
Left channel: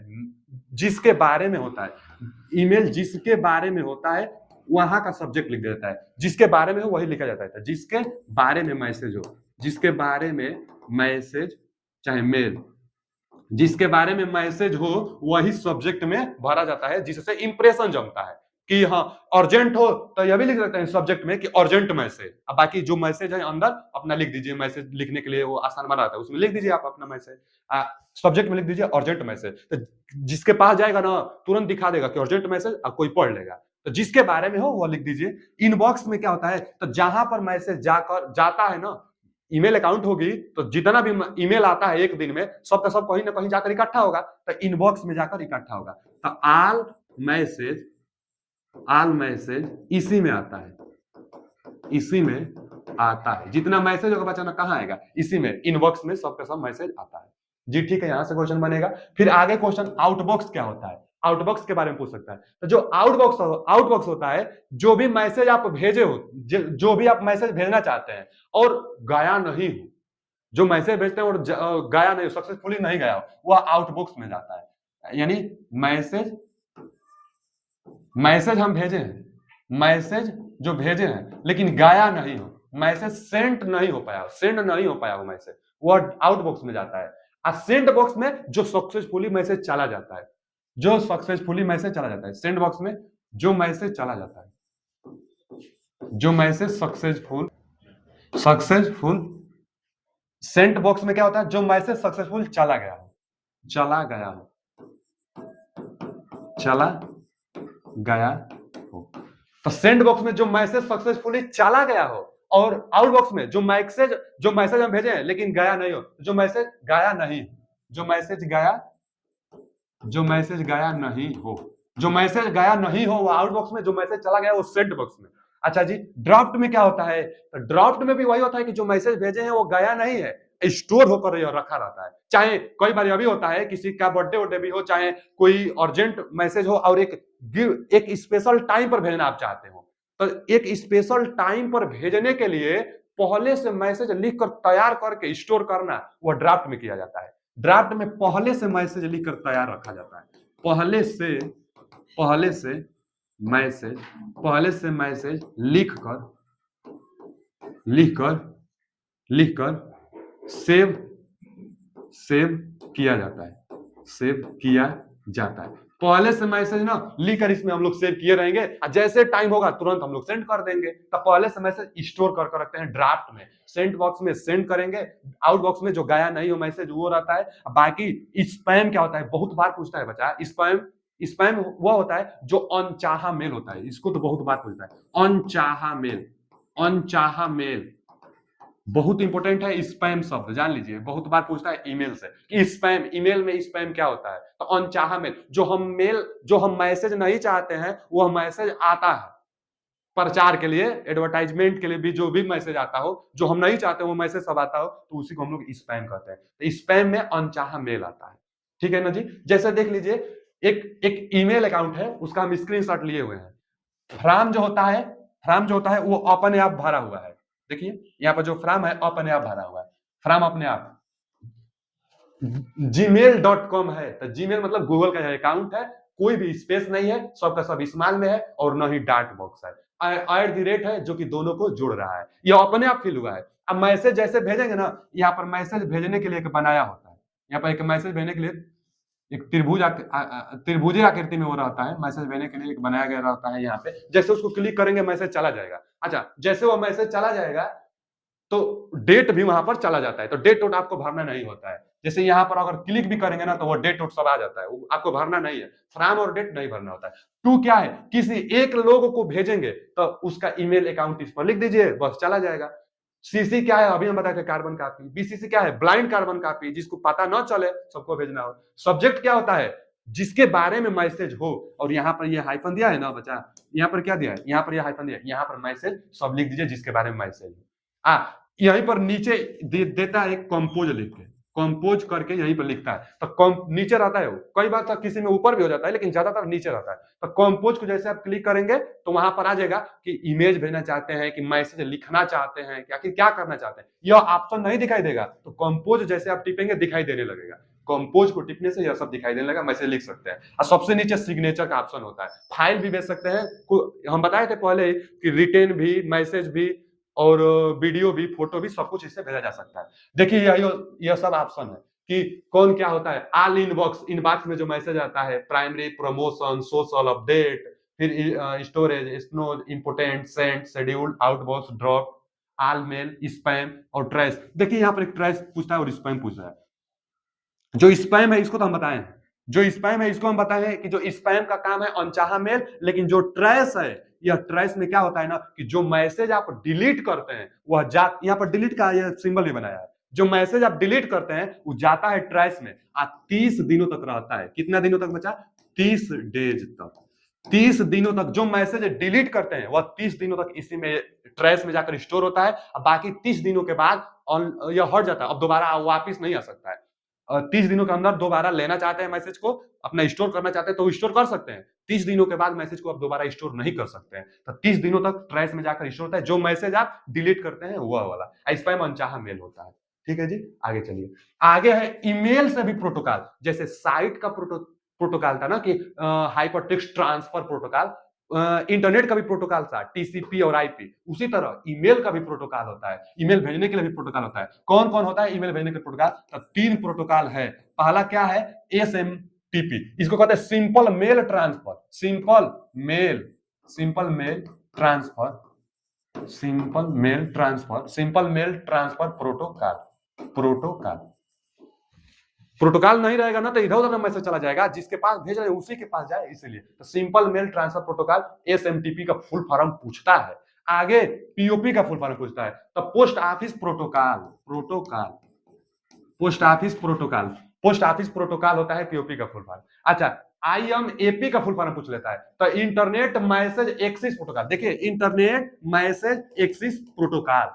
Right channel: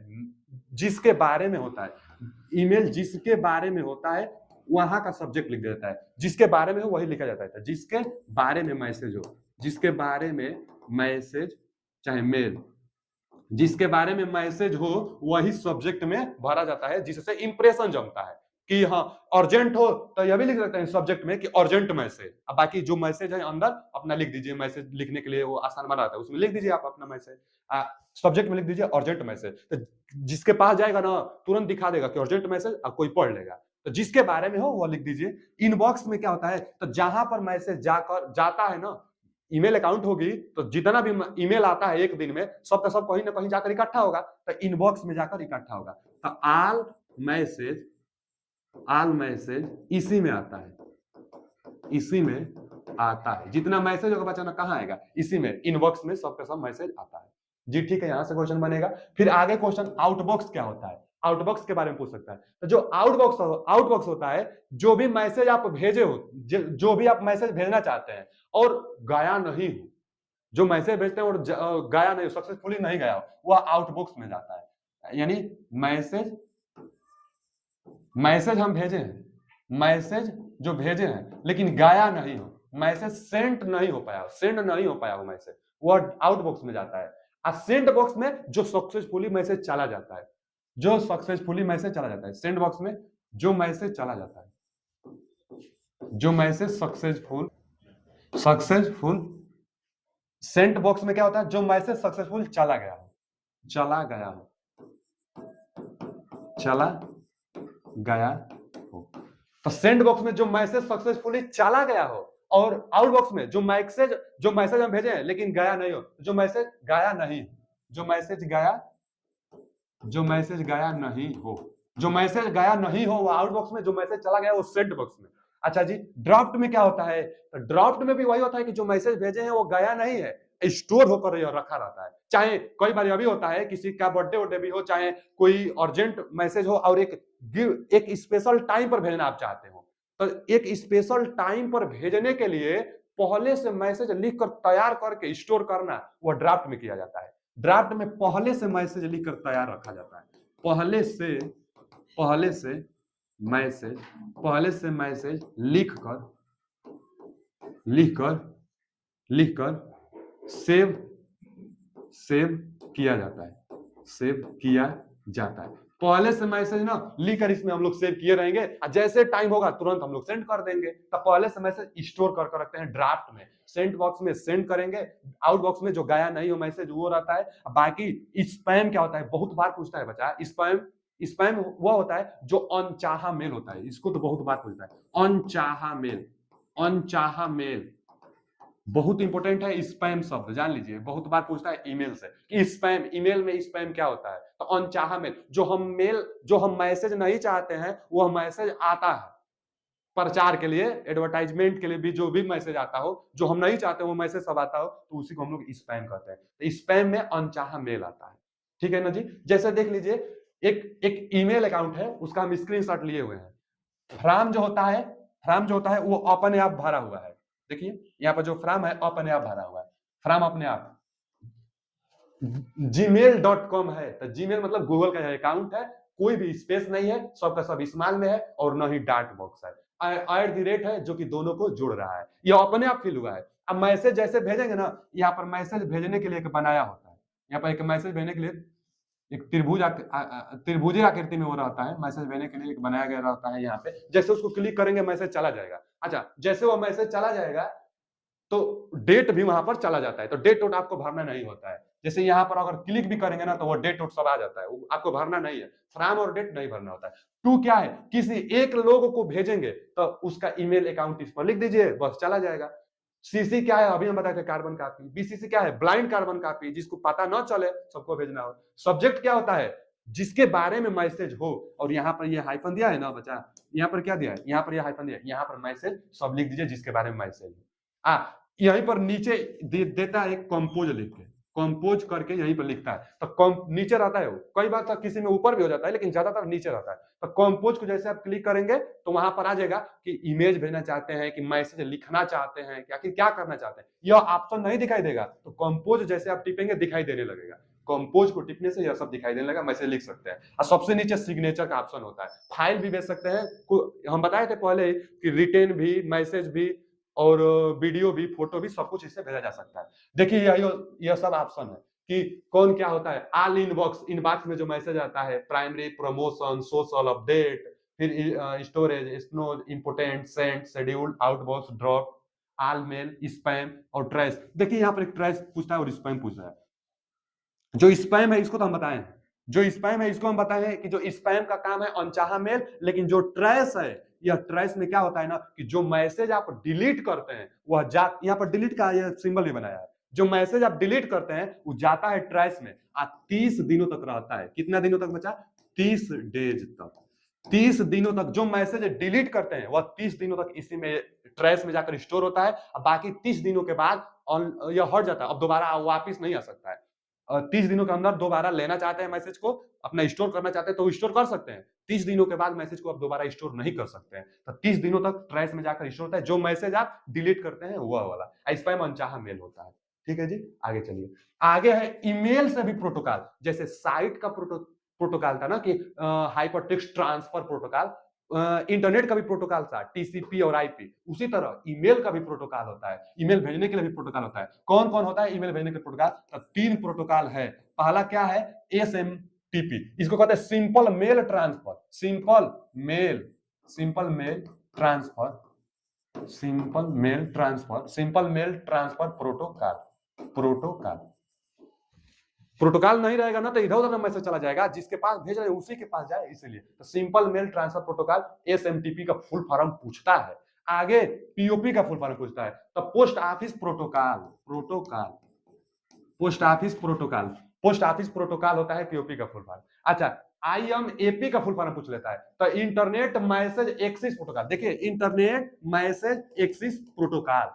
जिसके बारे में होता है ईमेल, जिसके बारे में होता है वहां का सब्जेक्ट लिख देता है। जिसके बारे में हो वही लिखा जाता है। जिसके बारे में मैसेज हो, जिसके बारे में मैसेज, चाहे मेल, जिसके बारे में मैसेज हो वही सब्जेक्ट में भरा जाता है, जिससे इंप्रेशन जमता है कि हाँ अर्जेंट हो, तो यह भी लिख देते हैं सब्जेक्ट में कि अर्जेंट मैसेज। अब बाकी जो मैसेज है अंदर अपना लिख दीजिए, मैसेज लिखने के लिए वो आसान बनाता है, उसमें लिख दीजिए आप अपना मैसेज। सब्जेक्ट में लिख दीजिए अर्जेंट मैसेज, तो जिसके पास जाएगा ना तुरंत दिखा देगा कि अर्जेंट मैसेज, और कोई पढ़ लेगा। तो जिसके बारे में हो वो लिख दीजिए। इनबॉक्स में क्या होता है? तो जहां पर मैसेज जाकर जाता है ना, ईमेल अकाउंट होगी तो जितना भी ईमेल आता है एक दिन में, सब का सब कहीं ना कहीं जाकर इकट्ठा होगा, तो इनबॉक्स में जाकर इकट्ठा होगा। तो ऑल मैसेज इसी में आता है, इसी में आता है। जितना मैसेज होगा बच्चा ना कहाँ आएगा, इसी में, इनबॉक्स में सबका सब मैसेज आता है जी। ठीक है, यहां से क्वेश्चन बनेगा। फिर आगे क्वेश्चन आउटबॉक्स क्या होता है, आउटबॉक्स के बारे में पूछ सकता है। तो जो आउटबॉक्स होता है, जो भी मैसेज आप भेजे हो, जो भी आप मैसेज भेजना चाहते हैं और गया नहीं हो, जो मैसेज भेजते हैं और गया नहीं हो, सक्सेसफुली नहीं गया हो, वह आउटबॉक्स में जाता है। यानी मैसेज हम भेजे हैं, मैसेज जो भेजे हैं लेकिन गया नहीं हो, मैसेज सेंड नहीं हो पाया वो मैसेज, वो आउटबॉक्स में जाता है। सेंड बॉक्स में जो सक्सेसफुली मैसेज चला जाता है, सेंड बॉक्स में जो मैसेज चला जाता है, जो मैसेज सक्सेसफुल सेंड बॉक्स में क्या होता है, जो मैसेज सक्सेसफुल चला गया हो, चला गया हो। तो सेंड बॉक्स में जो मैसेज सक्सेसफुली चला गया हो, और आउटबॉक्स में जो मैसेज हम भेजे हैं लेकिन गया नहीं हो, जो मैसेज गया नहीं हो, जो मैसेज गया नहीं हो वो आउटबॉक्स में, जो मैसेज चला गया वो सेंड बॉक्स में। अच्छा जी, ड्राफ्ट में क्या होता है, तो ड्राफ्ट में भी वही होता है कि जो मैसेज भेजे हैं वो गया नहीं है, स्टोर होकर रखा रहता है। चाहे कई बार अभी होता है किसी का बर्थडे भी हो, चाहे कोई अर्जेंट मैसेज हो और एक स्पेशल टाइम पर भेजना आप चाहते हो, तो एक स्पेशल टाइम पर भेजने के लिए पहले से मैसेज लिख कर तैयार करके स्टोर करना, वो ड्राफ्ट में किया जाता है। ड्राफ्ट में पहले से मैसेज लिख कर तैयार रखा जाता है, पहले से मैसेज लिख कर सेव किया जाता है। पहले से मैसेज ना लिख कर इसमें हम लोग सेव किए रहेंगे, जैसे टाइम होगा तुरंत हम लोग सेंड कर देंगे। तो पहले से मैसेज स्टोर कर रखते हैं ड्राफ्ट में, सेंड बॉक्स में सेंड करेंगे, आउट बॉक्स में जो गया नहीं हो मैसेज वो रहता है। बाकी स्पैम क्या होता है, बहुत बार पूछता है बच्चा, स्पैम वो होता है जो अनचाहा मेल होता है, इसको तो बहुत बार पूछता है। अनचाहा मेल बहुत इंपॉर्टेंट है, स्पैम शब्द जान लीजिए, बहुत बार पूछता है ईमेल से कि स्पैम, ईमेल में स्पैम क्या होता है। तो अनचाहा मेल, जो हम मैसेज नहीं चाहते हैं वो मैसेज आता है प्रचार के लिए, एडवर्टाइजमेंट के लिए भी, जो भी मैसेज आता हो जो हम नहीं चाहते वो मैसेज सब आता हो, तो उसी को हम लोग स्पैम कहते हैं। तो स्पैम में अनचाहा मेल आता है, ठीक है ना जी। जैसे देख लीजिए, एक ईमेल अकाउंट है, उसका हम स्क्रीनशॉट लिए हुए हैं। फ्राम जो होता है वो अपने आप भरा हुआ है, देखिए यहाँ पर जो फ्राम है अपने आप भरा हुआ है, फ्राम अपने आप। gmail.com है, तो जीमेल मतलब गूगल का अकाउंट है, कोई भी स्पेस नहीं है, सबका सब स्मॉल में है, और न ही डॉट बॉक्स है, @ है जो कि दोनों को जोड़ रहा है, ये अपने आप फिल हुआ है। अब मैसेज जैसे भेजेंगे ना, यहाँ पर मैसेज भेजने के लिए एक बनाया होता है, यहाँ पर एक मैसेज भेजने के लिए एक त्रिभुज आकृति में वो रहता है, मैसेज भेजने के लिए एक बनाया गया रहता है। यहाँ पे जैसे उसको क्लिक करेंगे मैसेज चला जाएगा। अच्छा, जैसे वो मैसेज चला जाएगा तो डेट भी वहां पर चला जाता है, तो डेट वोट आपको भरना नहीं होता है। जैसे यहाँ पर अगर क्लिक भी करेंगे ना तो वो डेट वोट सब आ जाता है, आपको भरना नहीं है, फ्राम और डेट नहीं भरना होता है। टू क्या है, किसी एक लोग को भेजेंगे तो उसका ईमेल अकाउंट इस पर लिख दीजिए, बस चला जाएगा। सीसी क्या है, अभी हम बताए थे कार्बन कॉपी। बीसीसी क्या है, ब्लाइंड कार्बन कॉपी, जिसको पता ना चले सबको भेजना हो। सब्जेक्ट क्या होता है, जिसके बारे में मैसेज हो, और यहाँ पर ये हाइफन दिया है ना बच्चा, यहाँ पर क्या दिया है, यहाँ पर ये हाइफन दिया है, यहाँ पर मैसेज सब लिख दीजिए जिसके बारे में मैसेज है। यहीं पर नीचे देता है कंपोज लिख के, कंपोज करके यहीं पर लिखता है, तो नीचे रहता है वो, कई बार तो किसी में ऊपर भी हो जाता है लेकिन ज्यादातर नीचे रहता है। तो कंपोज को जैसे आप क्लिक करेंगे तो वहां पर आ जाएगा कि इमेज भेजना चाहते हैं कि मैसेज लिखना चाहते हैं, क्या करना चाहते हैं, यह ऑप्शन नहीं दिखाई देगा। तो कंपोज जैसे आप टिपेंगे दिखाई देने लगेगा, कंपोज को टिपने से यह सब दिखाई देने लगा, मैसेज लिख सकते हैं। और सबसे नीचे सिग्नेचर का ऑप्शन होता है, फाइल भी भेज सकते हैं। हम बताए थे पहले कि रिटेन भी, मैसेज भी, और वीडियो भी, फोटो भी, सब कुछ इससे भेजा जा सकता है। देखिए यह सब ऑप्शन है कि कौन क्या होता है। ऑल इनबॉक्स में जो मैसेज आता है, प्राइमरी, प्रमोशन, सोशल अपडेट, फिर storage, snow, important, send, scheduled, outbox, drop, all mail, spam और ट्रेस। देखिए यहाँ पर एक ट्रेस पूछता है और स्पैम पूछ रहा है। जो स्पैम है इसको तो हम बताए हैं, जो स्पैम है इसको हम बताए हैं कि जो स्पैम का काम है अनचाहा मेल, लेकिन जो ट्रेस है, यह ट्रेस में क्या होता है ना कि जो मैसेज आप डिलीट करते हैं वह यहाँ पर डिलीट का यह सिंबल भी बनाया है, जो मैसेज आप डिलीट करते हैं वो जाता है ट्रेस में, 30 दिनों तक रहता है। कितना दिनों तक बचा, 30 डेज तक, 30 दिनों तक जो मैसेज डिलीट करते हैं वह 30 दिनों तक इसी में ट्रैश में जाकर स्टोर होता है। अब बाकी 30 दिनों के बाद यह हट जाता है, अब दोबारा वापिस नहीं आ सकता है। 30 दिनों के अंदर दोबारा लेना चाहते हैं मैसेज को, अपना स्टोर करना चाहते हैं तो स्टोर कर सकते हैं। 30 दिनों के बाद मैसेज को आप दोबारा स्टोर नहीं कर सकते हैं। तो 30 दिनों तक ट्रैश में जाकर स्टोर होता है, जो मैसेज आप डिलीट करते हैं वह वाला। स्पैम अनचाहा मेल होता है। ठीक है जी, आगे चलिए। आगे है ईमेल से भी प्रोटोकॉल, जैसे साइट का प्रोटोकॉल था ना कि हाइपरटेक्स्ट ट्रांसफर प्रोटोकॉल, इंटरनेट का भी प्रोटोकॉल था टीसीपी और आईपी, उसी तरह ईमेल का भी प्रोटोकॉल होता है। ईमेल भेजने के लिए भी प्रोटोकॉल होता है। कौन कौन होता है ईमेल भेजने के प्रोटोकॉल? तो 3 प्रोटोकॉल है। पहला क्या है? एसएमटीपी, इसको कहते हैं simple mail transfer, simple mail transfer, simple mail transfer protocol. Protocol नहीं रहेगा ना तो इधर उधर मैसेज चला जाएगा, जिसके पास भेज रहे उसी के पास जाए, इसीलिए तो simple mail transfer protocol SMTP का फुल फॉर्म पूछता है। आगे पीओपी का फुल फॉर्म पूछता है, तो post office protocol, post office protocol होता है पीओपी का फुल फॉर्म। अच्छा, आईएमएपी का फुल फॉर्म पूछ लेता है, तो इंटरनेट मैसेज एक्सेस प्रोटोकॉल। देखिए इंटरनेट मैसेज एक्सेस प्रोटोकॉल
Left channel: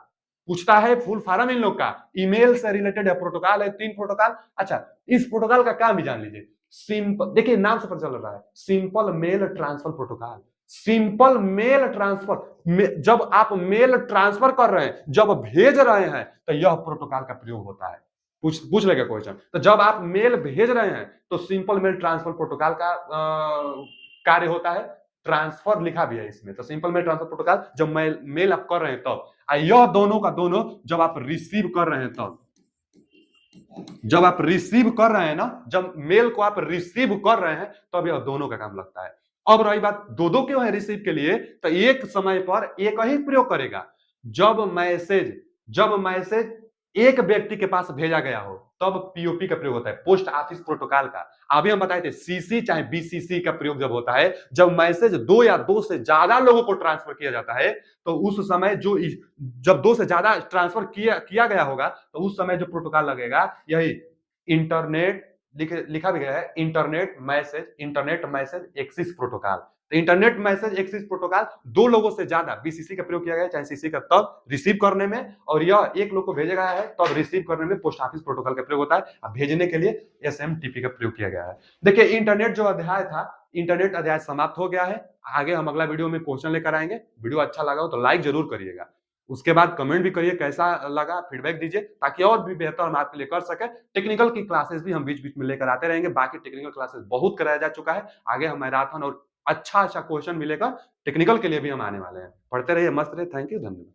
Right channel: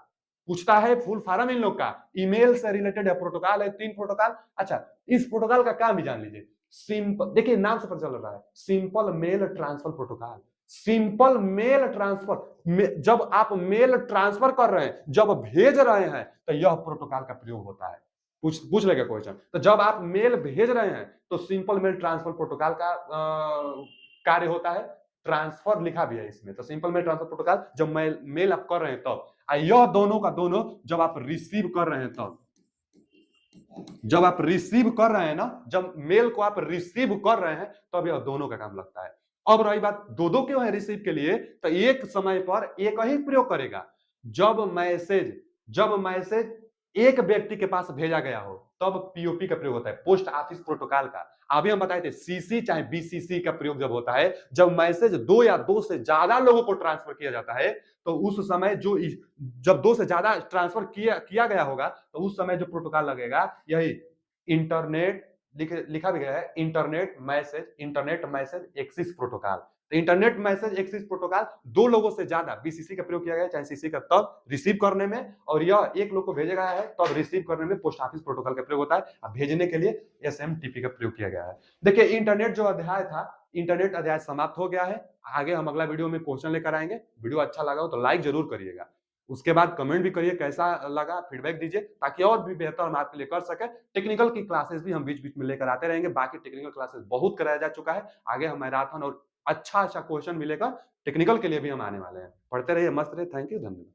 पूछता है, फुल फॉर्म इन लोग का ईमेल से रिलेटेड है, प्रोटोकॉल है 3 प्रोटोकॉल। अच्छा, इस प्रोटोकॉल का काम भी जान लीजिए। सिंपल, देखिए नाम से पता चल रहा है, simple mail transfer protocol. Simple mail transfer, जब आप मेल ट्रांसफर कर रहे हैं, जब भेज रहे हैं, तो यह प्रोटोकॉल का प्रयोग होता है। पूछ लेगा क्वेश्चन, तो जब आप मेल भेज रहे हैं तो सिंपल मेल ट्रांसफर प्रोटोकॉल का कार्य होता है। ट्रांसफर लिखा भी है इसमें, तो सिंपल मेल ट्रांसफर प्रोटोकॉल जब मेल आप कर रहे हैं तब, यह दोनों का दोनों जब आप रिसीव कर रहे हैं तब, जब आप रिसीव कर रहे हैं ना, जब मेल को आप रिसीव कर रहे हैं तब यह दोनों का काम लगता है। अब रही बात दो दो क्यों है रिसीव के लिए, तो एक समय पर एक ही प्रयोग करेगा। जब मैसेज एक व्यक्ति के पास भेजा गया हो तब पीओपी का प्रयोग होता है, पोस्ट ऑफिस प्रोटोकॉल का। अभी हम बताए थे सीसी चाहे बीसीसी का प्रयोग जब होता है, जब मैसेज 2 या 2 से ज्यादा लोगों को ट्रांसफर किया जाता है, तो उस समय जब 2 से ज्यादा ट्रांसफर किया गया होगा तो उस समय जो प्रोटोकॉल लगेगा यही इंटरनेट, लिखा भी गया है इंटरनेट मैसेज एक्सेस प्रोटोकॉल। तो इंटरनेट मैसेज एक्सेस प्रोटोकॉल 2 लोगों से ज्यादा बीसीसी का प्रयोग किया गया है, चाहे सीसी का, तब रिसीव करने में, और यह एक लोग को भेजा गया है तब रिसीव करने में पोस्ट ऑफिस प्रोटोकॉल का प्रयोग होता है, और भेजने के लिए एसएमटीपी का प्रयोग किया गया है। देखिए इंटरनेट जो अध्याय था, इंटरनेट अध्याय समाप्त हो गया है। आगे हम अगला वीडियो में क्वेश्चन लेकर आएंगे। वीडियो अच्छा लगा हो तो लाइक जरूर करिएगा, उसके बाद कमेंट भी करिए कैसा लगा, फीडबैक दीजिए, ताकि और भी बेहतर हम आपके लिए कर सके। टेक्निकल की क्लासेस भी हम बीच बीच में लेकर आते रहेंगे, बाकी टेक्निकल क्लासेस बहुत कराया जा चुका है। आगे हम मैराथन और अच्छा क्वेश्चन मिलेगा टेक्निकल के लिए भी हम आने वाले हैं। पढ़ते रहिए, मस्त रहिए। थैंक यू, धन्यवाद।